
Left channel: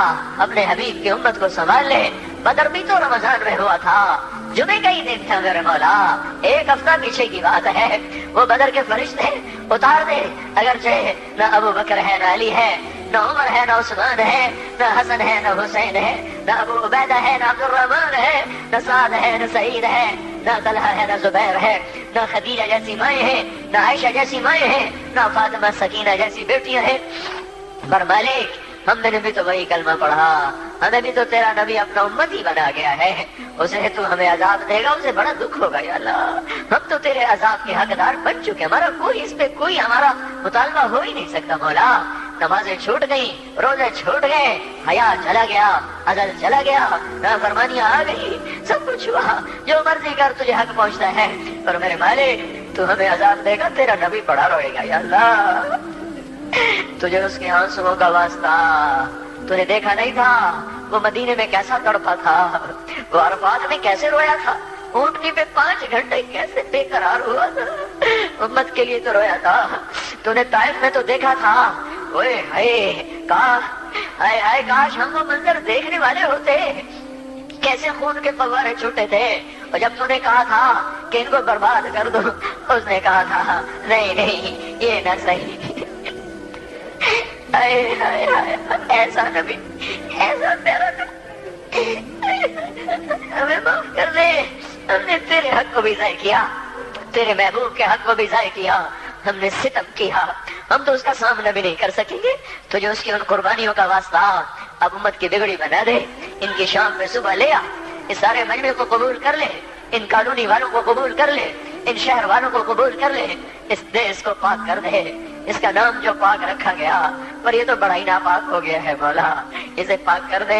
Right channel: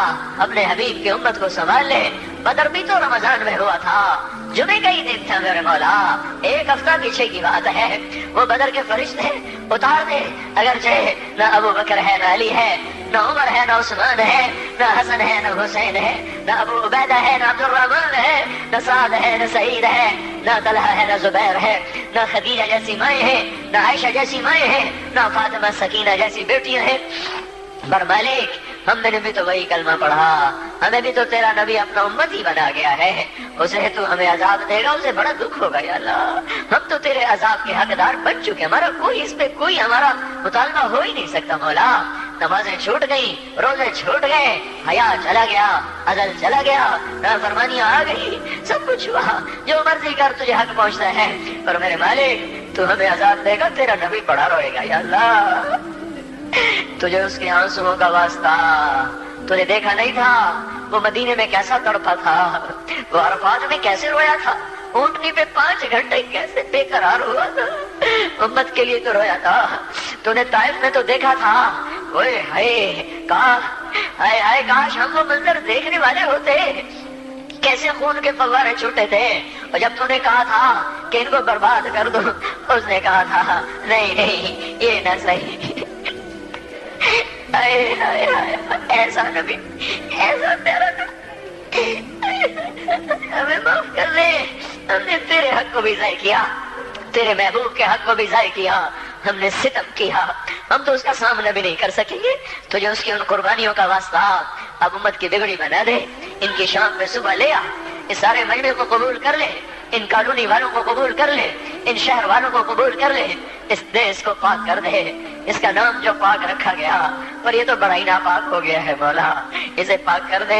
اپنے حبیب کی امت کو سنبھال لے، بدر بھی تو رمضان میں ہوا تھا، جمعے کا ہی دن تھا میرے مولا، ایک ہفتہ پیچھے کی بات ہے، وہ بدر کے فرشتے اتار دے، اگرچہ نہ ابو بکر ہے نہ علی ہے نہ عمر ہے نہ عثمان ہے نہ حسن ہے نہ حسین ہے نہ ابو عبیدہ ہے نہ عبد الرحمن ہے نہ سعد ہے نہ سعید ہے نہ طلحہ ہے نہ زبیر ہے نہ خدیجہ جیسی مائیں ہیں نہ عائشہ جیسی مائیں ہیں نہ فاطمہ سکینہ جیسی بیٹیاں ہیں، پر مالک ہم نے بھی تو وہی کلمہ پڑھا، ہمیں بھی تو تیرا نبی اپنا امت ہی بنا گیا ہے، اسے تو ہمیں عذاب دے گا، اسے بڑا دکھ ہوگا یا اللہ، ہم تو تیرے عذاب کے حقدار بن چکے، ہمارا کوئی اس پہ کوئی ہمارا مطالبہ ہو ہی نہیں سکتا مولا، نمازیں چھوٹ گئی، روزے چھوٹ گئے، حیا چلا گیا، عدل چلا گیا، نافرمانیاں آ گئی، سب کچھ ہوا، جو مرضی کر تجھے حق پہنچتا ہے، اور میرے مالک تو ہمیں عذاب دے گا، تیرا نبی پڑا رہے گا یا اللہ، تجھے اس کے آنسوؤں کا واسطہ، تو نے دیکھا نہیں تھا وہ مدینے میں کیسا تڑپا تھا، وہ عرفات میں کیسے رویا تھا، اونٹنی پہ 5 گھنٹے کیسے بے قرار ہوا تھا، امت کے لیے تو رویا تھا، تو نے طائف میں تو دیکھا تھا، اوئے ہائے کاش ہم لوگ اندر دیکھنے والے ہوتے، کیسے خون کے فوارے چھوٹے تھے، اور جب تو نے کہا تھا کہ ان کو برباد کر دو، اس نے کہا تھا نہیں یہ نہ صحیح، ایسا نبی، ایسا پیارا نبی، ہمیں معاف کر دے، ہم نے تیرے حق کو بھی ضائع کیا، تیرے محبوب کے حق کو بھی ضائع کیا، ہم نے ستم کیا، ہم تو اس کا سامنا بھی نہیں کر سکیں گے، تو جو اس کی ان قربانیوں کا واسطہ اب امت کی بگڑی بنا دے، ان کی شام میں صبح لے آ، اس سارے مہینے کو قبول کر لے، ان قانونی والوں کو قبول کر لے، ان شہر والوں کو قبول کر لے، اس دیش کو پاک کر دے، اس کا نام جو پاک رکھا گیا پر یہ تو بڑا ہی ناپاک ہو گیا ہے مولا، اسے پاک کر دے،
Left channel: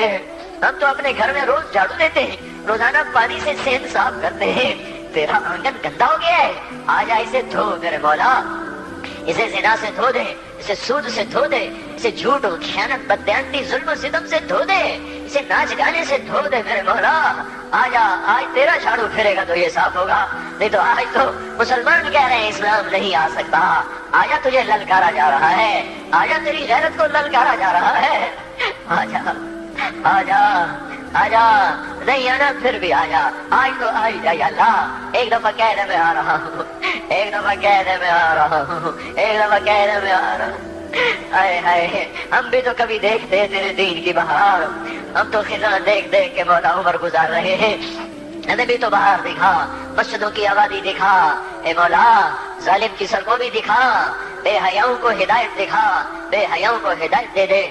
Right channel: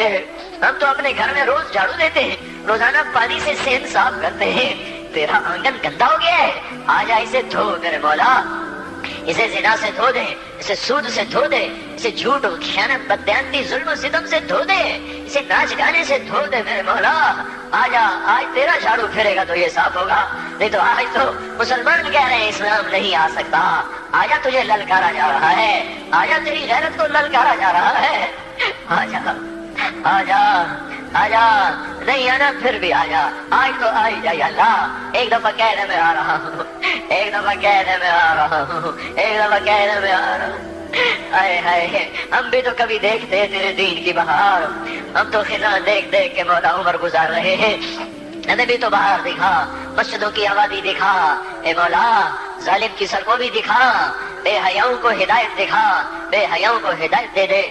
ہم تو اپنے گھر میں روز جھاڑو دیتے ہیں، روزانہ پانی سے سین صاف کرتے ہیں، تیرا آنگن گندا ہو گیا ہے، آجا اسے دھو میرے مولا، اسے زنا سے دھو دے، اسے سود سے دھو دے، اسے جھوٹ خیانت بددیانتی ظلم و ستم سے دھو دے، اسے ناچ گانے سے دھو دے میرے مولا، آجا آج تیرا جھاڑو پھیرے گا تو یہ صاف ہوگا، نہیں تو آج تو مسلمان کہہ رہے ہیں اسلام نہیں آ سکتا، آجا تجھے للکارا جا رہا ہے، آجا تیری غیرت کو للکارا جا رہا ہے، آجا آجا آجا، نہیں آنا پھر بھی آجا، آج تو آئی جائی اللہ، ایک دفعہ کہنے میں آ رہا ہوں، ایک دفعہ کہنے میں آ رہا ہوں، ایک دفعہ کہنے میں آ رہا ہوں، ہائے ہائے ہم بھی تو کبھی دیکھتے ہیں تیرے دین کی بہار، ہم تو خنا دیکھ دیکھ کے مولا عمر گزار رہے ہیں، ہمیں بھی تو بہار دکھا، مسجدوں کی آبادی دکھا، اے مولا ظالم کی سڑکوں بھی دکھا، بے حیاؤں کو ہدایت دکھا، بے حیاؤں کو ہدایت دے دے۔